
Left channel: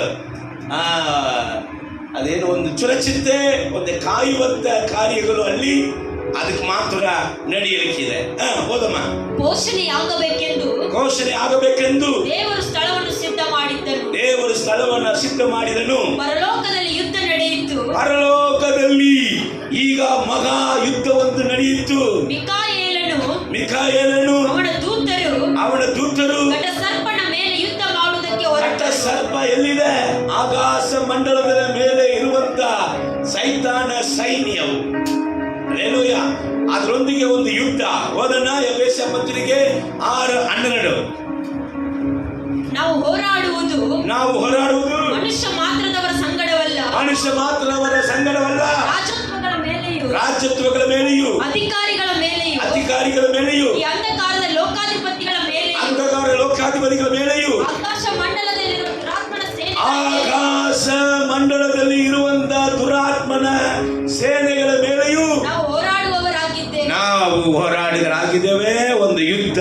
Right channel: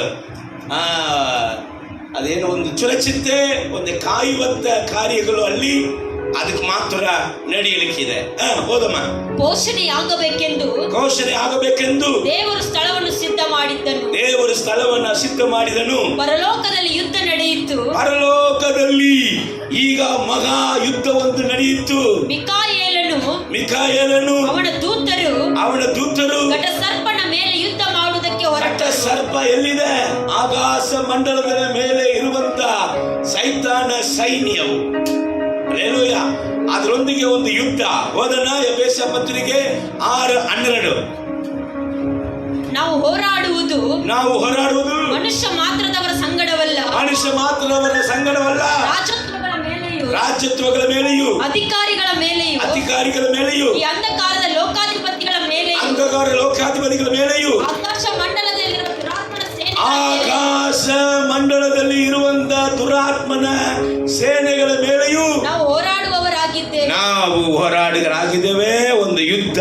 ಅದೇನೋ ಒಂದು ಸುರಕ್ಷತೆ, ಒಂದು ಕಾಯುವಂತ ಕಾರ್ಯಗಳು ಅಲ್ಲಿ ಅದಕ್ಕೆ ಮಾತ್ರ ನಡೆಯಲಿಕ್ಕಿದೆ. ಹೋದಮ್ಮ. ಘೋಷಣೆ ಆಗಬೇಕೆಂದು ದೇವರು ಸ್ಥಳವನ್ನು ಸಿದ್ಧ ಮಾಡಿದನು. ಪರಲೋಕದಲ್ಲಿ ಯುದ್ಧ ನಡೆಯಿತು. ಪರಲೋಕದಲ್ಲಿ ಈಗ ಮಹಾ ಯುದ್ಧವೊಂದು ನಡೆಯಿತು. ಮಿಕಾಯೇಲನು ಅವನ ದೂತರು ಘಟಸರ್ಪನ ಮೇಲೆ ಯುದ್ಧ ಮಾಡುವುದಕ್ಕೆ ಘಟಸರ್ಪ ಎಲ್ಲಿದೆ? ಆಕಾಶ ಮಂಡಲದ ಮೇಲೆ ಇರುವಂತ ಸೈತಾನ ಸೈನ್ಯವು. ಲೇಲೂಯ. ಅದರೊಂದಿಗೆ ಒಂದು ಯುದ್ಧ. ಓದನ ಎಫೆಸ ಪತ್ರಿಕೆ 6:12. ನಾವು ಹೋರಾಡುವುದು ಮನುಷ್ಯ ಮಾತ್ರದವರ ಸಂಗಡವಲ್ಲ, ರಾಜ್ಯತ್ವಗಳ ಮೇಲೆಯೂ ಅಧಿಕಾರಿಗಳ ಮೇಲೆಯೂ ಈ ಅಂಧಕಾರದ ಲೋಕಾಧಿಪತಿಗಳ ಮೇಲೆಯೂ ಆಕಾಶ ಮಂಡಲದಲ್ಲಿ ಇರುವಂತ ದುರಾತ್ಮನ ಸೇನೆಗಳ ಮೇಲೆಯೂ ನಾವು ಹೋರಾಡಿಗರಾಗಿದ್ದೇವೆ. ಒಂದು ಯುದ್ಧ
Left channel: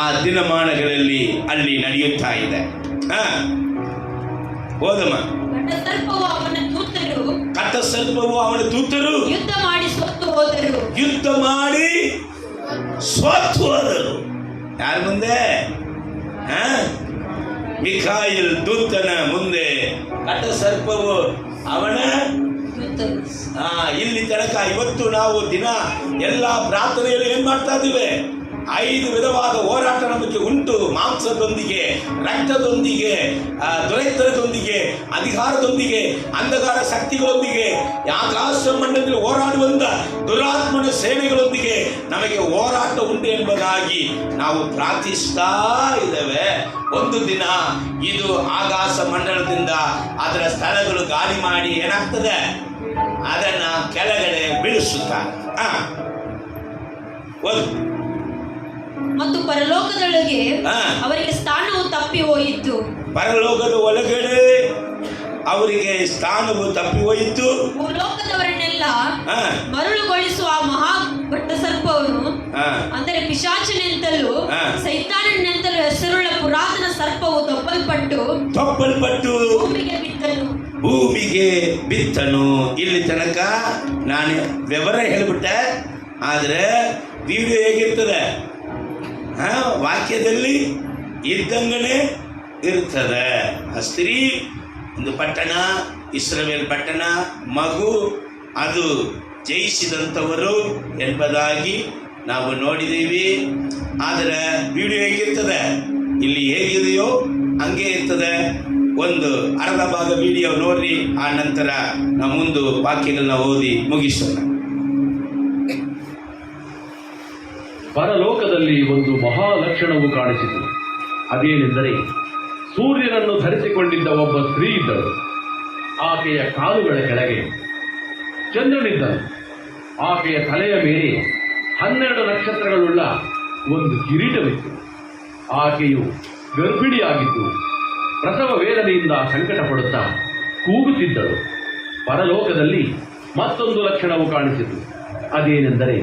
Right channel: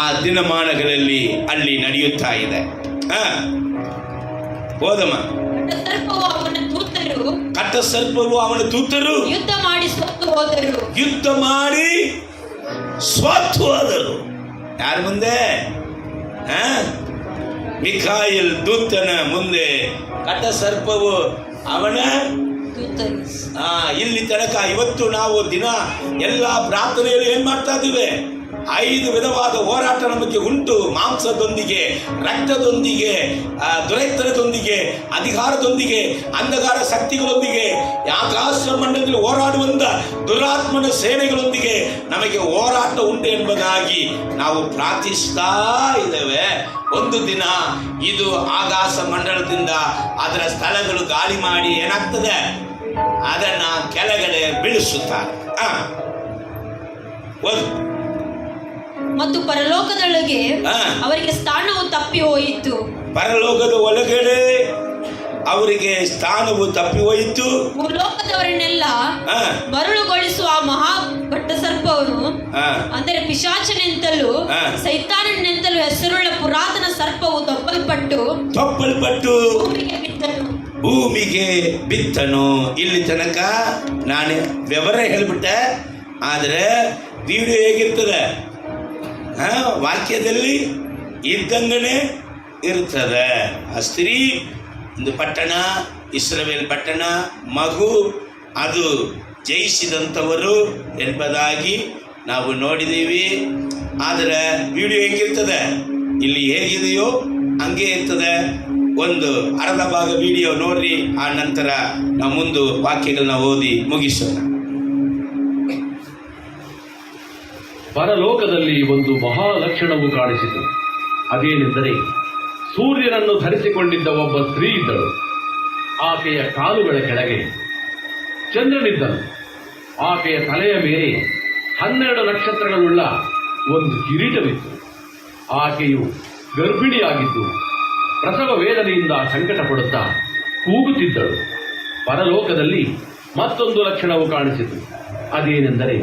ಆ ದಿನಮಾನಗಳಲ್ಲಿ ಅಲ್ಲಿ ನಡೆಯುತ್ತಾ ಇದೆ. ಹೋದಮ್ಮ. ಘಟಸರ್ಪವು ಅವನ ದೂತರು ಯುದ್ಧ ಮಾಡಿ ಸ್ವತ್ತು ಹೋದರು. ಯಾರ ಮುಂದೆ? ಮಿಕಾಯೇಲ್ ದೂತನ ಮುಂದೆ. ಘಟಸರ್ಪವು ಅವನ ಇಲ್ಲಿ ತನಕ ಇವತ್ತು ನಾವು ದಿನ ಎಲ್ಲ ಪ್ರಾರ್ಥನೆಯಲ್ಲಿ ಏನ್ ಮಾಡ್ತಾ ಇದ್ದೀವಿ? 5 ವಿಧವಾದ ಹೋರಾಟ ನಮಗೆ ಉಂಟು. ಮಾಂಸದೊಂದಿಗೆ, ರಕ್ತದೊಂದಿಗೆ, ದುರೈತನದೊಂದಿಗೆ, ಅಧಿಕಾರದೊಂದಿಗೆ, ಅಂಧಕಾರ ಶಕ್ತಿಗಳೊಂದಿಗೆ, ಆಕಾಶ ಮಂಡಲದಲ್ಲಿ ಹೋರಾಡುವಂತ ದುರಾತ್ಮನ ಸೇನೆಗಳೊಂದಿಗೆ ನಮಗೆ ಹೋರಾಟ ಉಂಟು ಎಂಬುದಾಗಿ ನಾವು ಪ್ರಾರ್ಥಿಸ್ತಾ ಇದ್ದೇವೆ. ಒಂದು ದಿನ ಇದು ಆಕಾಶ ಮಂಡಲದಿಂದ ಅದರ ಸ್ಥಳಗಳು ಗಾಳಿ ಮಾಡಿ ಏನಾಗ್ತದೆ? ಅದನ್ನ ಕೆಳಗಡೆ ಬೀಳಿಸುತ್ತಾರೆ. ಮತ್ತು ಪರಲೋಕದೊಳಗೆ ಅವರಿಗೆ ಸ್ಥಾನವು ತಪ್ಪಿ ಹೋಯಿತು. ಪರಲೋಕದ ಒಳಗಡೆ ಅವರಿಗೆ ಸ್ಥಾನವು ತಪ್ಪಿ ಹೋಯಿತು. ಭೂಲೋಕದವರನ್ನೆಲ್ಲ ಮರಳುಗೊಳಿಸುವ ಆ ಮಹಾ ಘಟಸರ್ಪವನ್ನು, ಅಂದರೆ ಪಿಶಾಚನೆಂತಲೂ ಸೈತಾನನೆಂತಲೂ ಹೆಸರುಳ್ಳ ಪುರಾತನ ಸರ್ಪವು ತಪ್ಪಲ್ಪಟ್ಟು ಭೂಮಿಗೆ ಬಿತ್ತನು. ಇಲ್ಲಿ ತನಕ ನಾನು ವಿವರ ಹೇಳ್ಬಿಟ್ಟೆ, ಆದರೆ ವಿಡಿಯೋ ಹೇಗಿರ್ತದೆ? ವಾಕ್ಯದಲ್ಲಿ ಇದ್ದಂಗನೆ ಇರ್ತದೆ. ಆ ಸ್ತ್ರೀ ಒಂದು ಪಟ್ಟಣ, ಇಸ್ರಾಯೇಲ್ ಪಟ್ಟಣ, ಮಗು, ಅದು ಜಯಿಸಿದಂಥವರು ಎಂಬುದಾಗಿ ನಾವು ನೋಡಿದ್ದೀವಿ. ಆದರೆ ವಿಡಿಯೋ ಹೇಗಿರ್ತದೆ? ಇಲ್ಲಿ ಹೇಗಿದೆಯೋ ಹಂಗೆ ಇರ್ತದೆ. ಒಂದು ಅರ್ಧ ಭಾಗ ವಿಡಿಯೋ ನೋಡ್ರಿ, ಆ ನಂತರ ನಾವು ಮುಂದೆ ವಾಕ್ಯಗಳನ್ನ ಓದಿ ಮುಗಿಸೋಣ. ಪರಲೋಕದಲ್ಲಿ ಒಂದು ಮಹಾಲಕ್ಷಣವು ಕಾಣಿಸಿತು. ಅದೇನೆಂದರೆ, ಸೂರ್ಯನನ್ನು ಧರಿಸಿಕೊಂಡಿದ್ದ ಒಬ್ಬ ಸ್ತ್ರೀ ಇದ್ದಳು. ಆಕೆಯ ಕಾಲುಗಳ ಕೆಳಗೆ ಚಂದ್ರನಿದ್ದನು. ಆಕೆಯ ತಲೆಯ ಮೇಲೆ 12 ನಕ್ಷತ್ರಗಳುಳ್ಳ ಒಂದು ಕಿರೀಟವಿತ್ತು. ಆಕೆಯು ಗರ್ಭಿಣಿಯಾಗಿದ್ದು ಪ್ರಸವ ವೇದನೆಯಿಂದ ಸಂಕಟ ಪಡುತ್ತಾ ಕೂಗುತ್ತಿದ್ದಳು. ಪರಲೋಕದಲ್ಲಿ ಮತ್ತೊಂದು ಲಕ್ಷಣವು ಕಾಣಿಸಿತು. ಅದೇನೆಂದರೆ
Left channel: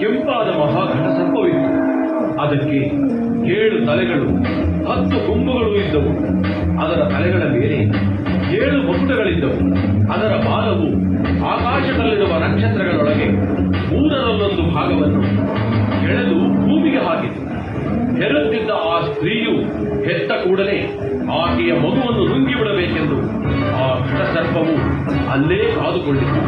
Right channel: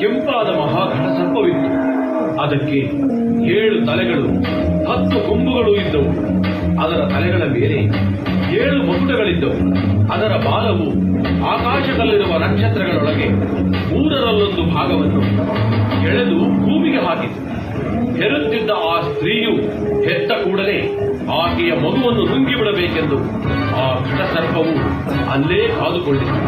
ಕೆಂಪಾದ ಮಹಾಘಟ ಸರ್ಪವಿತ್ತು. ಅದಕ್ಕೆ 7 ತಲೆಗಳು 10 ಕೊಂಬುಗಳು ಇದ್ದವು. ಅದರ ತಲೆಗಳ ಮೇಲೆ 7 ಮುಸುಟಗಳಿದ್ದವು. ಅದರ ಬಾಲವು ಆಕಾಶದಲ್ಲಿರುವ ನಕ್ಷತ್ರಗಳೊಳಗೆ 1/3 ಭಾಗವನ್ನು ಎಳೆದು ಭೂಮಿಗೆ ಹಾಕಿತು. ಹೆರುತ್ತಿದ್ದ ಆ ಸ್ತ್ರೀಯು ಹೆತ್ತ ಕೂಡಲೇ ಆಕೆಯ ಮಗುವನ್ನು ನುಂಗಿಬಿಡಬೇಕೆಂದು ಆ ಘಟಸರ್ಪವು ಅಲ್ಲೇ ಕಾದುಕೊಂಡಿತು.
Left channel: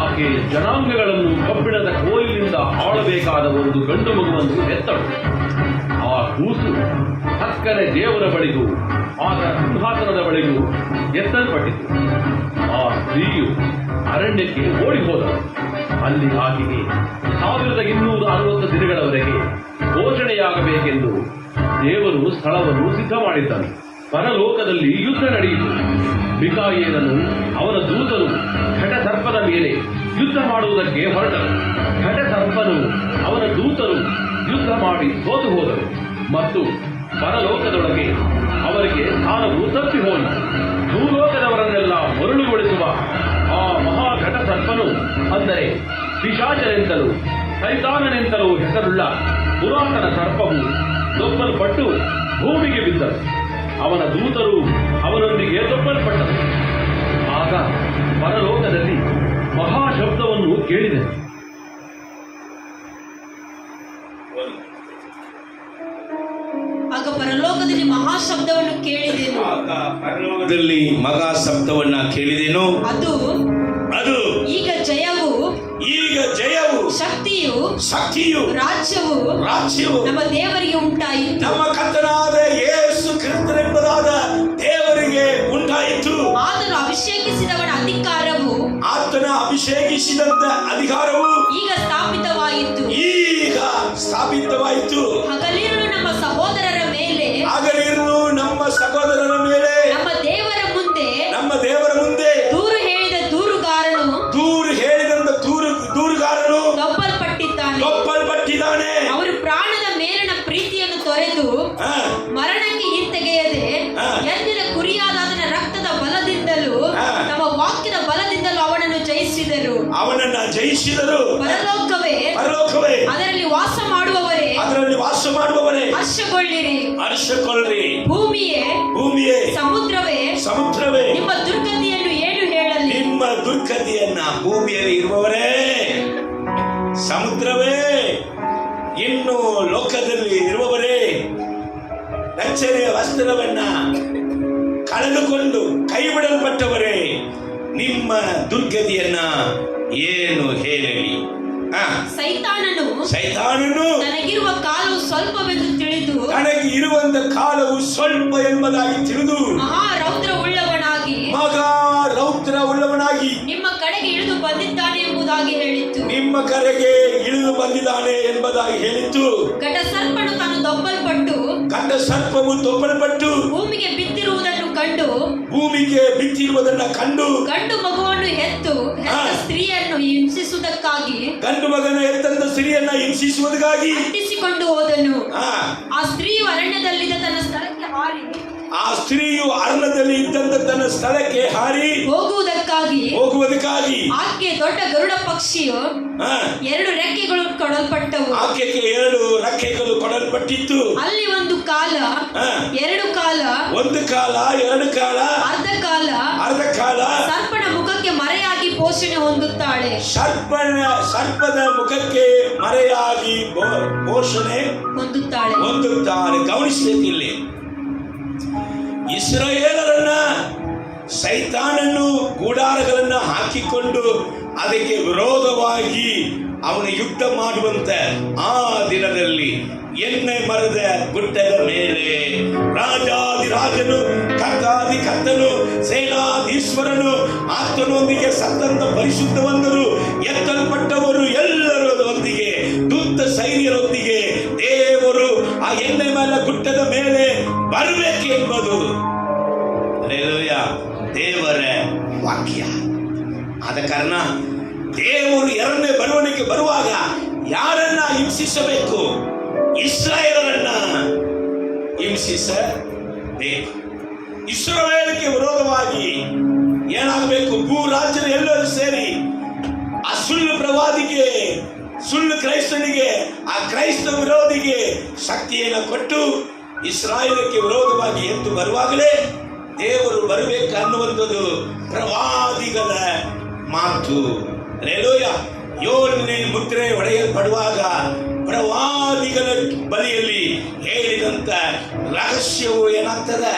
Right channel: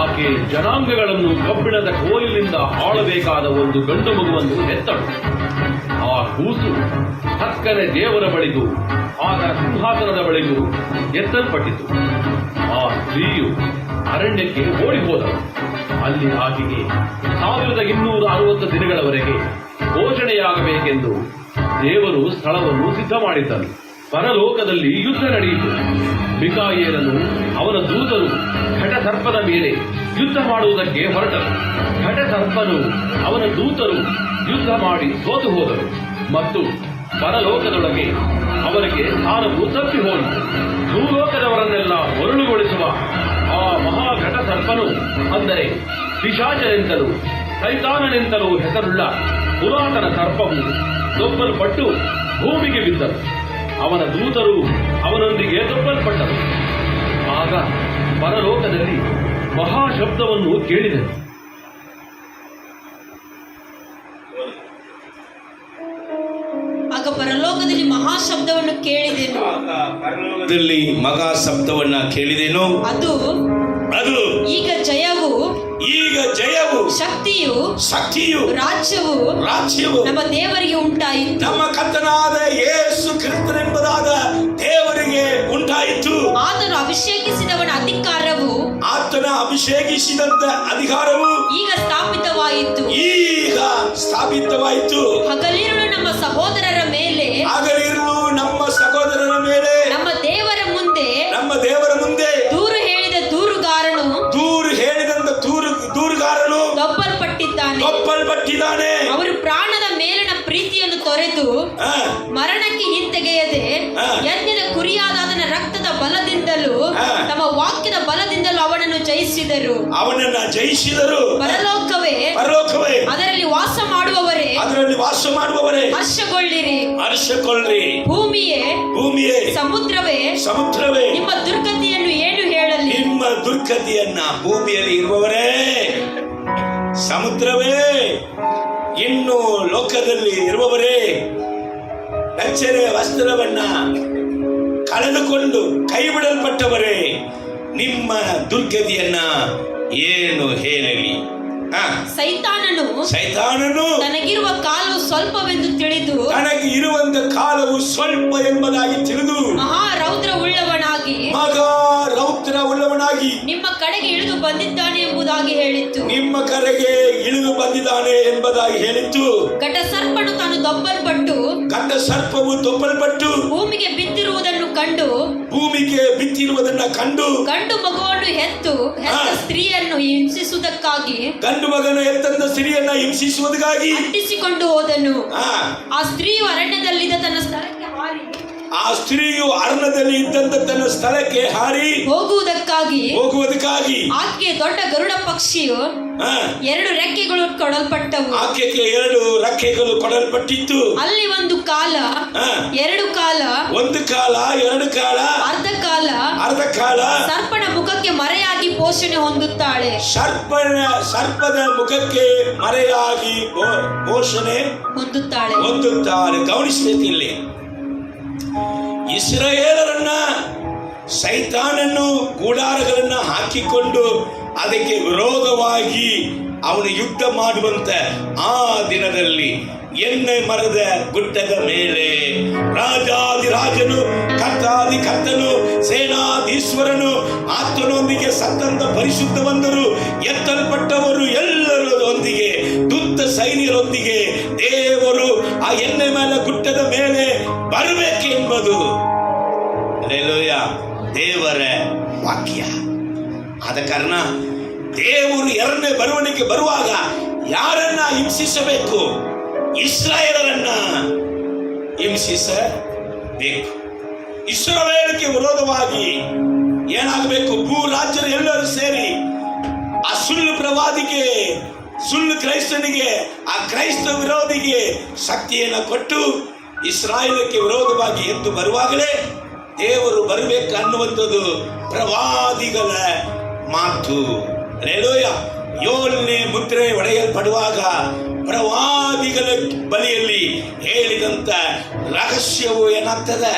ಆಕೆ ಜನಾಂಗಗಳನ್ನು ಕಬ್ಬಿಣದ ಕೋಲಿನಿಂದ ಆಳಬೇಕಾದ ಒಂದು ಗಂಡು ಮಗುವನ್ನು ಹೆತ್ತಳು. ಆ ಕೂಸು ಹಕ್ಕನೆ ದೇವರ ಬಳಿಗೂ ಆತನ ಸಿಂಹಾಸನದ ಬಳಿಗೂ ಎತ್ತಲ್ಪಟ್ಟಿತು. ಆ ಸ್ತ್ರೀಯು ಅರಣ್ಯಕ್ಕೆ ಓಡಿ ಹೋದಳು. ಅಲ್ಲಿ ಆಕೆಗೆ 1260 ದಿನಗಳವರೆಗೆ ಪೋಷಣೆಯಾಗಬೇಕೆಂದು ದೇವರು ಸ್ಥಳವನ್ನು ಸಿದ್ಧ ಮಾಡಿದ್ದನು. ಪರಲೋಕದಲ್ಲಿ ಯುದ್ಧ ನಡೆಯಿತು. ಮಿಕಾಯೇಲನು ಅವನ ದೂತರು ಘಟಸರ್ಪದ ಮೇಲೆ ಯುದ್ಧ ಮಾಡುವುದಕ್ಕೆ ಹೊರಟರು. ಘಟಸರ್ಪನು ಅವನ ದೂತರು ಯುದ್ಧ ಮಾಡಿ ಸೋತು ಹೋದರು ಮತ್ತು ಪರಲೋಕದೊಳಗೆ ಅವರಿಗೆ ಸ್ಥಾನವು ತಪ್ಪಿ ಹೋಯಿತು. ಭೂಲೋಕದವರನ್ನೆಲ್ಲ ಮರುಳುಗೊಳಿಸುವ ಆ ಮಹಾಘಟಸರ್ಪನು, ಅಂದರೆ ಪಿಶಾಚನೆಂತಲೂ ಸೈತಾನನೆಂತಲೂ ಹೆಸರುಳ್ಳ ಪುರಾತನ ಸರ್ಪವು ದೊಬ್ಬಲ್ಪಟ್ಟು ಭೂಮಿಗೆ ಬಿದ್ದರು. ಅವನ ದೂತರು ಅವನೊಂದಿಗೆ ದೊಬ್ಬಲ್ಪಟ್ಟರು. ಆಗ ಪರಲೋಕದಲ್ಲಿ ಮಹಾಶಬ್ದವನ್ನು ಕೇಳಿದರು. ಆಗ ಪರಲೋಕದಲ್ಲಿ ಮಹಾಶಬ್ದವನ್ನು ಕೇಳಿದೆನು. ಪರಲೋಕದಲ್ಲಿ ಮಹಾ ಶಬ್ದವನ್ನ ಕೇಳಿದೆನು. ಅದು ಈಗ ಜಯವು ಶಕ್ತಿಯು ರಾಜ್ಯವು ನಮ್ಮ ದೇವರಿಗೆ ಉಂಟಾಯಿತು. ನಮ್ಮ ಕರ್ತನಾದ ಯೇಸು ಕ್ರಿಸ್ತನೆಂಬುದಾದ ದೇವರಿಗೆ ಉಂಟಾಯಿತು. ಆತನು ಅಭಿಷೇಕಿಸಿದವನ ಅಧಿಕಾರವು ಈಗ ಸ್ಥಾಪಿತವಾಯಿತು. ಹಗಲಿರುಳು ನಮ್ಮ ಸಹೋದರರ ಮೇಲೆ ನಮ್ಮ ದೇವರ ಮುಂದೆ ದೂರು ಹೇಳಿದ ದೂರುಗಾರನು ದೊಬ್ಬಲ್ಪಟ್ಟಿದ್ದಾನೆ. ಅವರು ಪ್ರಾಣದ ಮೇಲಿನ ಪ್ರೀತಿಯನ್ನು ತೊರೆದು ಮರಣಕ್ಕೆ ಹಿಂತೆಗೆಯದೆ ಯಜ್ಞದ ಕುರಿಯಾದ ಅದರ ರಕ್ತದ ಬಲದಿಂದಲೂ ತಮ್ಮ ವಾಕ್ಯದ ಬಲದಿಂದಲೂ ಅವನನ್ನು ಜಯಿಸಿದರು. ಪರಲೋಕವೇ ಅದರಲ್ಲಿ ವಾಸ ಮಾಡುವವರೇ ಹರ್ಷಗೊಳ್ಳಿರಿ. ಭೂಮಿಯೇ ಸಮುದ್ರವೇ ನಿಮ್ಮ ದುರ್ಗತಿಯನ್ನು ಏನು ಹೇಳಲಿ? ನಿಮ್ಮ ದುರ್ಗತಿಯನ್ನ ಭೂಮಿಯಲ್ಲಿ ಇರುವವರೇ, ಸಮುದ್ರವೇ, ಇನ್ನು ಲೋಕದಲ್ಲಿ ಇರುವವರೇ, ರಕ್ಷಣೆಯ ವಸ್ತ್ರವನ್ನ ಕಳೆದುಕೊಂಡು ಕೈ ಬಿಡಲ್ಪಟ್ಟವರೇ, ನಿಮ್ಮ ದುರ್ಗತಿಯನ್ನ ಏನು ಹೇಳಲಿ? ಸೈತಾನನು ತನಗಿರುವ ಕಾಲವು ಸ್ವಲ್ಪವೆಂದು ತಿಳಿದು ಸ್ವಲ್ಪ ಎಂಬುದಾಗಿ ತಿಳಿದು ಮಹಾ ರೌದ್ರ ಉಳ್ಳವನಾಗಿ ನಿಮ್ಮ ಕಡೆಗೆ ಇಳಿದು ಬಂದಿದ್ದಾನೆ ಎಂಬುದಾಗಿ ಹೇಳಿತ್ತು. ಘಟಸರ್ಪವು ದೊಬ್ಬಲ್ಪಟ್ಟು ಭೂಮಿಗೆ ಬಿದ್ದಿರುವುದನ್ನು ಕಂಡು ಗಂಡು ಮಗುವನ್ನು ಹೆತ್ತ ಸ್ತ್ರೀಯನ್ನು ಹಿಂಸಿಸುವುದಕ್ಕಾಗಿ ಅಟ್ಟಿಸಿಕೊಂಡು ಹೋದನು. ಆ ಸ್ತ್ರೀಯು ಅರಣ್ಯದಲ್ಲಿದ್ದ ತನ್ನ ಸ್ಥಳಕ್ಕೆ ಹಾರಿ ಹೋಗುವುದಕ್ಕಾಗಿ ಆಕೆಗೆ ದೊಡ್ಡ ಗರುಡ ಪಕ್ಷಿಯು 2 ರೆಕ್ಕೆಗಳು ಕೊಡಲ್ಪಟ್ಟವು. ಆಕೆಗೆ 2 ರೆಕ್ಕೆಗಳು ಕೊಡಲ್ಪಟ್ಟಿತ್ತು. ಅಲ್ಲಿ ಒಂದು ಕಾಲ, 2 ಕಾಲ, ಒಂದು ಕಾಲ, 2 ಕಾಲ, ಅರ್ಧ ಕಾಲ ಸರ್ಪನ ಮುಖಕ್ಕೆ ಮರೆಯಾಗಿ ಪೋಷಣೆ ಹೊಂದುತ್ತಾಳೆ. ಸರ್ಪದ ಮುಖಕ್ಕೆ ಮರೆಯಾಗಿ ಪೋಷಣೆ ಹೊಂದುತ್ತಾಳೆ. ಗಮನಿಸಬೇಕಿಲ್ಲಿ, ಇಸ್ರಾಯೇಲರನ್ನ ಸೈತಾನನ್ನು ಗೂಡಾರಗಳನ್ನ ಹಾಕಿಕೊಂಡು ಅದಕ್ಕೆ ವಿರೋಧವಾಗಿ ಅವನು ಯುದ್ಧ ಮಾಡುವಂತ ಆ ದಿನದಲ್ಲಿ ಎಣ್ಣೆ ಮರದ ಗುಡ್ಡದ ಮೇಲೆ ರಾಜಾದಿರಾಜನು, ಕರ್ತಾದಿಕರ್ತನು, ಸೇನಾಧೀಶ್ವರನು, ಆತನೊಂದಿಗೆ ಸತ್ತಂತ ಪರಿಶುದ್ಧವಂತರು, ಎತ್ತಲ್ಪಟ್ಟವರು ಎಲ್ಲರೊಂದಿಗೆ, ದುಷ್ಟ ಸೈನ್ಯರೊಂದಿಗೆ ದೇವರು ಆ ಎಣ್ಣೆ ಮೇಲೆ ಗುಡ್ಡದ ಮೇಲೆ ಬರಬೇಕೆಂಬುದು ದೇವರ ವಾಕ್ಯ. ಆದ ಕಾರಣ ದೇವರು 2ನೇ ಬರುವಣಿಗೆ ಬರುವಾಗ ಯಾರನ್ನ ಹಿಂಸಿಸಬೇಕು? ಇಸ್ರಾಯೇಲರನ್ನ ಹಿಂಸಿಸಬೇಕು. ಇಸ್ರಾಯೇಲಕ್ಕೆ ವಿರೋಧವಾಗಿ ಏನಾಗಬೇಕು? ಭೂಲ ಕ್ರೈಸ್ತ ವಿರೋಧಿಗೆ ಶಕ್ತಿಯನ್ನು ಕೊಟ್ಟು ಇಸ್ರಾಯೇಲಕ್ಕೆ ವಿರೋಧವಾಗಿ ಎದ್ದು ಬರುವಾಗಲೇ ದೇವರು ಬರಬೇಕು ಅನ್ನುವಂಥದ್ದು ಪ್ರವಾದಿಗಳ ಮಾತು. ಹಲ್ಲೆಲೂಯಾ. 7ನೇ ಮುದ್ರೆ ಒಡೆಯಲ್ಪಡುವಾಗ ಪ್ರವಾದಿಗಳ ಬಳಿಯಲ್ಲಿ ಹೇಳಿದಂತ ರಹಸ್ಯವು ಏನಾಗ್ತದೆ?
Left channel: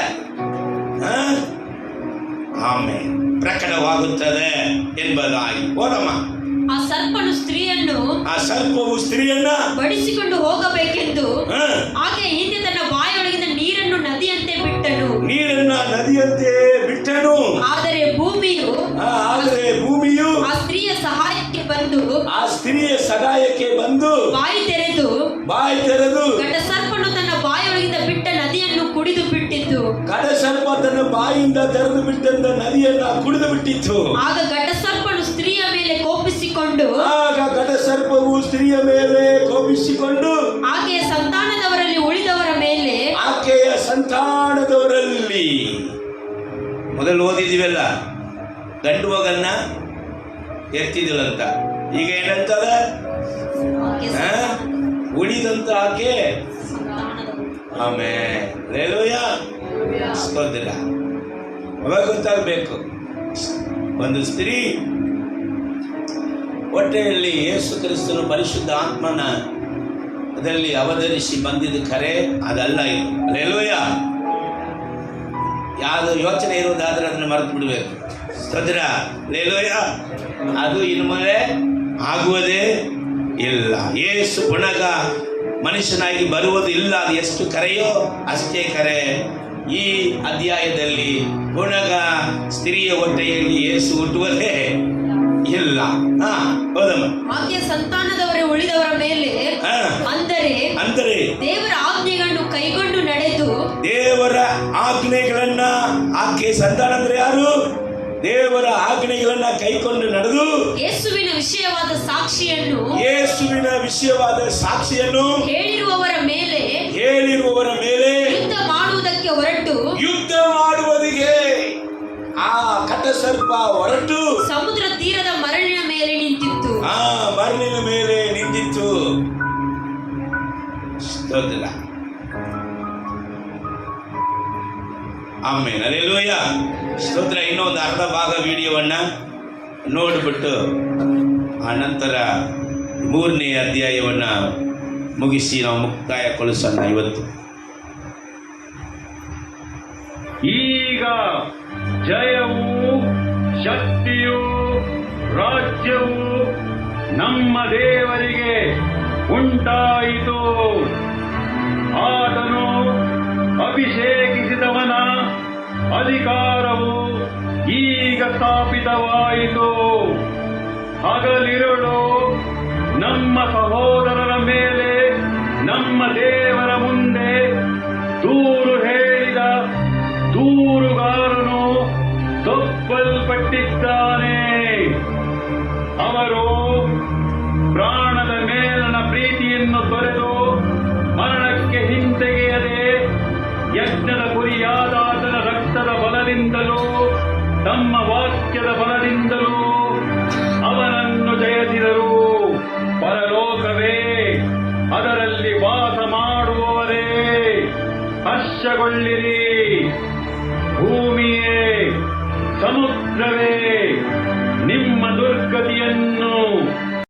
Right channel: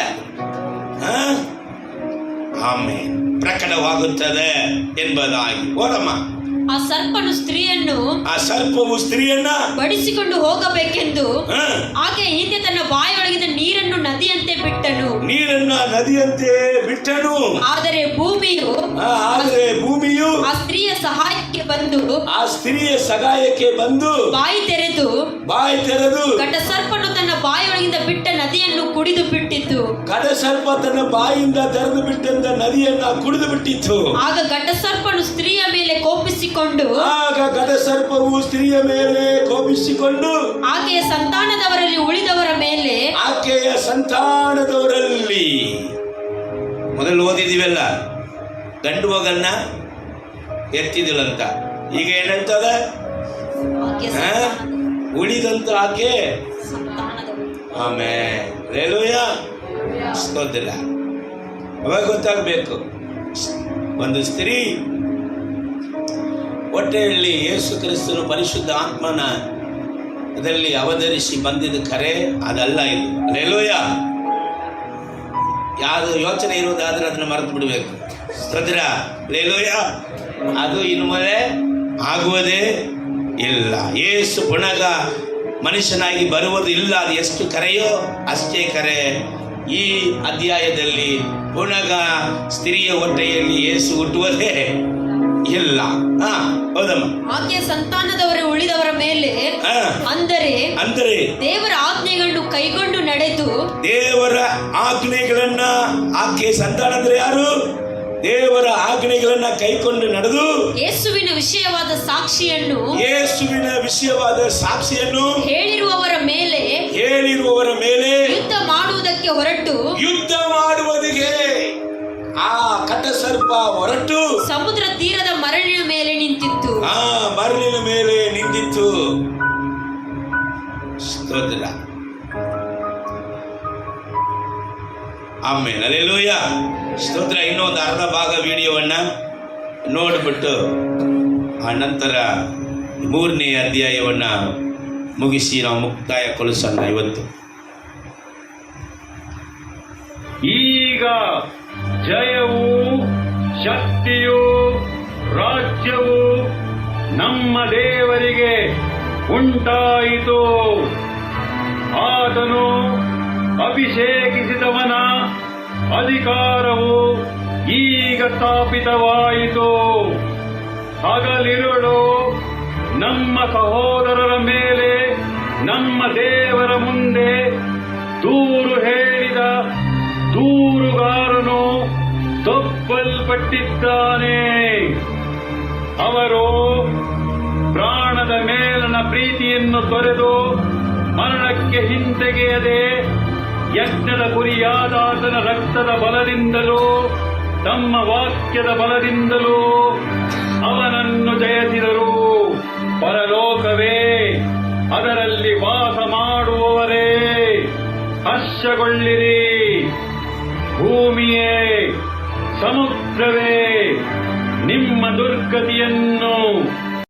ಆಮೇಲೆ ಪ್ರಕಟವಾಗುತ್ತದೆ ಎಂಬುದಾಗಿ. ಓದಮ್ಮ. ಆ ಸರ್ಪವು ಸ್ತ್ರೀಯನ್ನ ಬಡಿಸಿಕೊಂಡು ಹೋಗಬೇಕೆಂದು ಆಕೆ ಹಿಂದೆ ತನ್ನ ಬಾಯೊಳಗಿನ ನೀರನ್ನು ನದಿಯಂತೆ ಬಿಟ್ಟನು. ಆದರೆ ಭೂಮಿಯು ಆ ಸ್ತ್ರೀಯ ಸಹಾಯಕ್ಕೆ ಬಂದು ಬಾಯಿ ತೆರೆದು ಘಟಸರ್ಪನು ತನ್ನ ಬಾಯೊಳಗಿಂದ ಬಿಟ್ಟ ನದಿಯನ್ನು ಕುಡಿದು ಬಿಟ್ಟಿತು. ಘಟಸರ್ಪ ತನ್ನ ಬಾಯಿಂದ ತೆರೆದು ಬಿಟ್ಟಂತ ನದಿಯನ್ನ ಕುಡಿದು ಬಿಟ್ಟಿತ್ತು. ಆಗ ಘಟಸರ್ಪವು ಸ್ತ್ರೀಯ ಮೇಲೆ ಕೋಪಿಸಿಕೊಂಡು ಆಕೆಯ ಸಂತಾನದವರಲ್ಲಿ ಮೊದಲು ಓದಿದಿವಲ್ಲ, ಗಂಡು ಮಗನ್ನ ಎತ್ತಿದಿರಂತ. ಈಗ ಏನಂತದ? ಉಳಿದಂತ ಆಕೆ ಸ್ಕೋದಿಲ್ಲ. ಅವಾಗ ಗೊತ್ತಾಗಬೇಕು, ಒಂದು ಸ್ತ್ರೀ ಹೊಟ್ಟೆಯಲ್ಲಿ ಯೇಸು ಕ್ರಿಸ್ತನು ಪರಿಶುದ್ಧ ಆತ್ಮನ ಅದರಲ್ಲಿ ಅವತರಿಸಿ ಬಂದಿದ್ದು ಖರೆ, ಅದಲ್ಲ ಇದು. ಹಲ್ಲೆಲೂಯಾ. ಯಾವುದು ಯೋಚನೆ ಇರೋದಾದ್ರೆ ಅದನ್ನು ಮರೆತು ಬಿಡಬೇಕು. ಸ್ತೋತ್ರ. ಹಲ್ಲೆಲೂಯಾ. ಅದು ಇನ್ನು ಮೇಲೆ ಆಗುವುದೇ ಇಲ್ಲ. ಯೇಸು ಪುನಃ ಮನುಷ್ಯನಾಗಿ ಬರುವುದು ಇಲ್ಲ. ಅದು ಎಷ್ಟು ಕರೆಯೋ ಅಷ್ಟೇ ಕರೆ. ಈ ಅಧ್ಯಾಯದಲ್ಲಿ ಪುನಃ ಸ್ತ್ರೀಯ ಹೊಟ್ಟೆಯಲ್ಲಿ ಯೇಸು ಹುಟ್ಟುವುದೇ ಇಲ್ಲ. ಆಕೆಯ ಸಂತಾನದವರ ಉಳಿದವರ ಮೇಲೆ ಅಂದರೆ ದೇವರ ಆಜ್ಞೆಗಳನ್ನು ಕೈಗೊಂಡು ನಡೆದು ದೇವರ ಆಜ್ಞೆಗಳನ್ನ, ಆಕೆ ಸಂತಾನ ಅಂದ್ರೆ ಯಾರು? ದೇವರ ಆಜ್ಞೆಗಳನ್ನ ಕೈಕೊಂಡು ನಡೆದು ಯೇಸುವಿನ ವಿಷಯವಾದ ಸಾಕ್ಷಿಯನ್ನು ಹೇಳಿರುವವರ ಮೇಲೆ ಯುದ್ಧ ಮಾಡುವುದಿಗೆ ಆ ಕಟಸರ್ಪ ಹೊರಟು ಸಮುದ್ರ ತೀರದ ಮರಳಿನ ಮೇಲೆ ನಿಂತಿತ್ತು. ಸ್ತೋತ್ರ. ಆಮೇಲೆ ಹಲ್ಲೆಲೂಯಾ. ಸ್ತೋತ್ರ. ಇನ್ನೊಂದು ಅರ್ಧ ಭಾಗ ವಿಡಿಯೋವನ್ನ ನೋಡಿಬಿಟ್ಟು ಆ ನಂತರ 3ನೇ ಅಧ್ಯಾಯವನ್ನ ಮುಗಿಸಿ ನಾವು ಮುಕ್ತಾಯಗೊಳಿಸೋಣ ಇವತ್ತು. ಈಗ ಜಯವು, ಶಕ್ತಿಯು, ರಾಜ್ಯವು ನಮ್ಮ ದೇವರಿಗೆ ಉಂಟಾಯಿತು. ಆತನು ಅಭಿಷೇಕಿಸಿದವನ ಅಧಿಕಾರವು ಈಗ ಸ್ಥಾಪಿತವಾಯಿತು. ಹಗಲಿರುಳು ನಮ್ಮ ಸಹೋದರರ ಮೇಲೆ ನಮ್ಮ ದೇವರ ಮುಂದೆ ದೂರು ಹೇಳಿದ ದೂರುಗಾರನು ತಪ್ಪಲ್ಪಟ್ಟಿದ್ದಾನೆ. ಅವರು ಪ್ರಾಣದ ಮೇಲನ ಪ್ರೀತಿಯನ್ನು ತೊರೆದು ಮರಣಕ್ಕೆ ಹಿಂತೆಗೆಯದೆ ಯಜ್ಞದ ಗುರಿಯಾದಾತನ ರಕ್ತದ ಬಲದಿಂದಲೂ ತಮ್ಮ ವಾಕ್ಯದ ಬಲದಿಂದಲೂ ಅವನನ್ನು ಜಯಿಸಿದರು. ಪರಲೋಕವೇ, ಅದರಲ್ಲಿ ವಾಸ ಮಾಡುವವರೇ, ಹರ್ಷಗೊಳ್ಳಿರಿ. ಭೂಮಿಯೇ, ಸಮುದ್ರವೇ,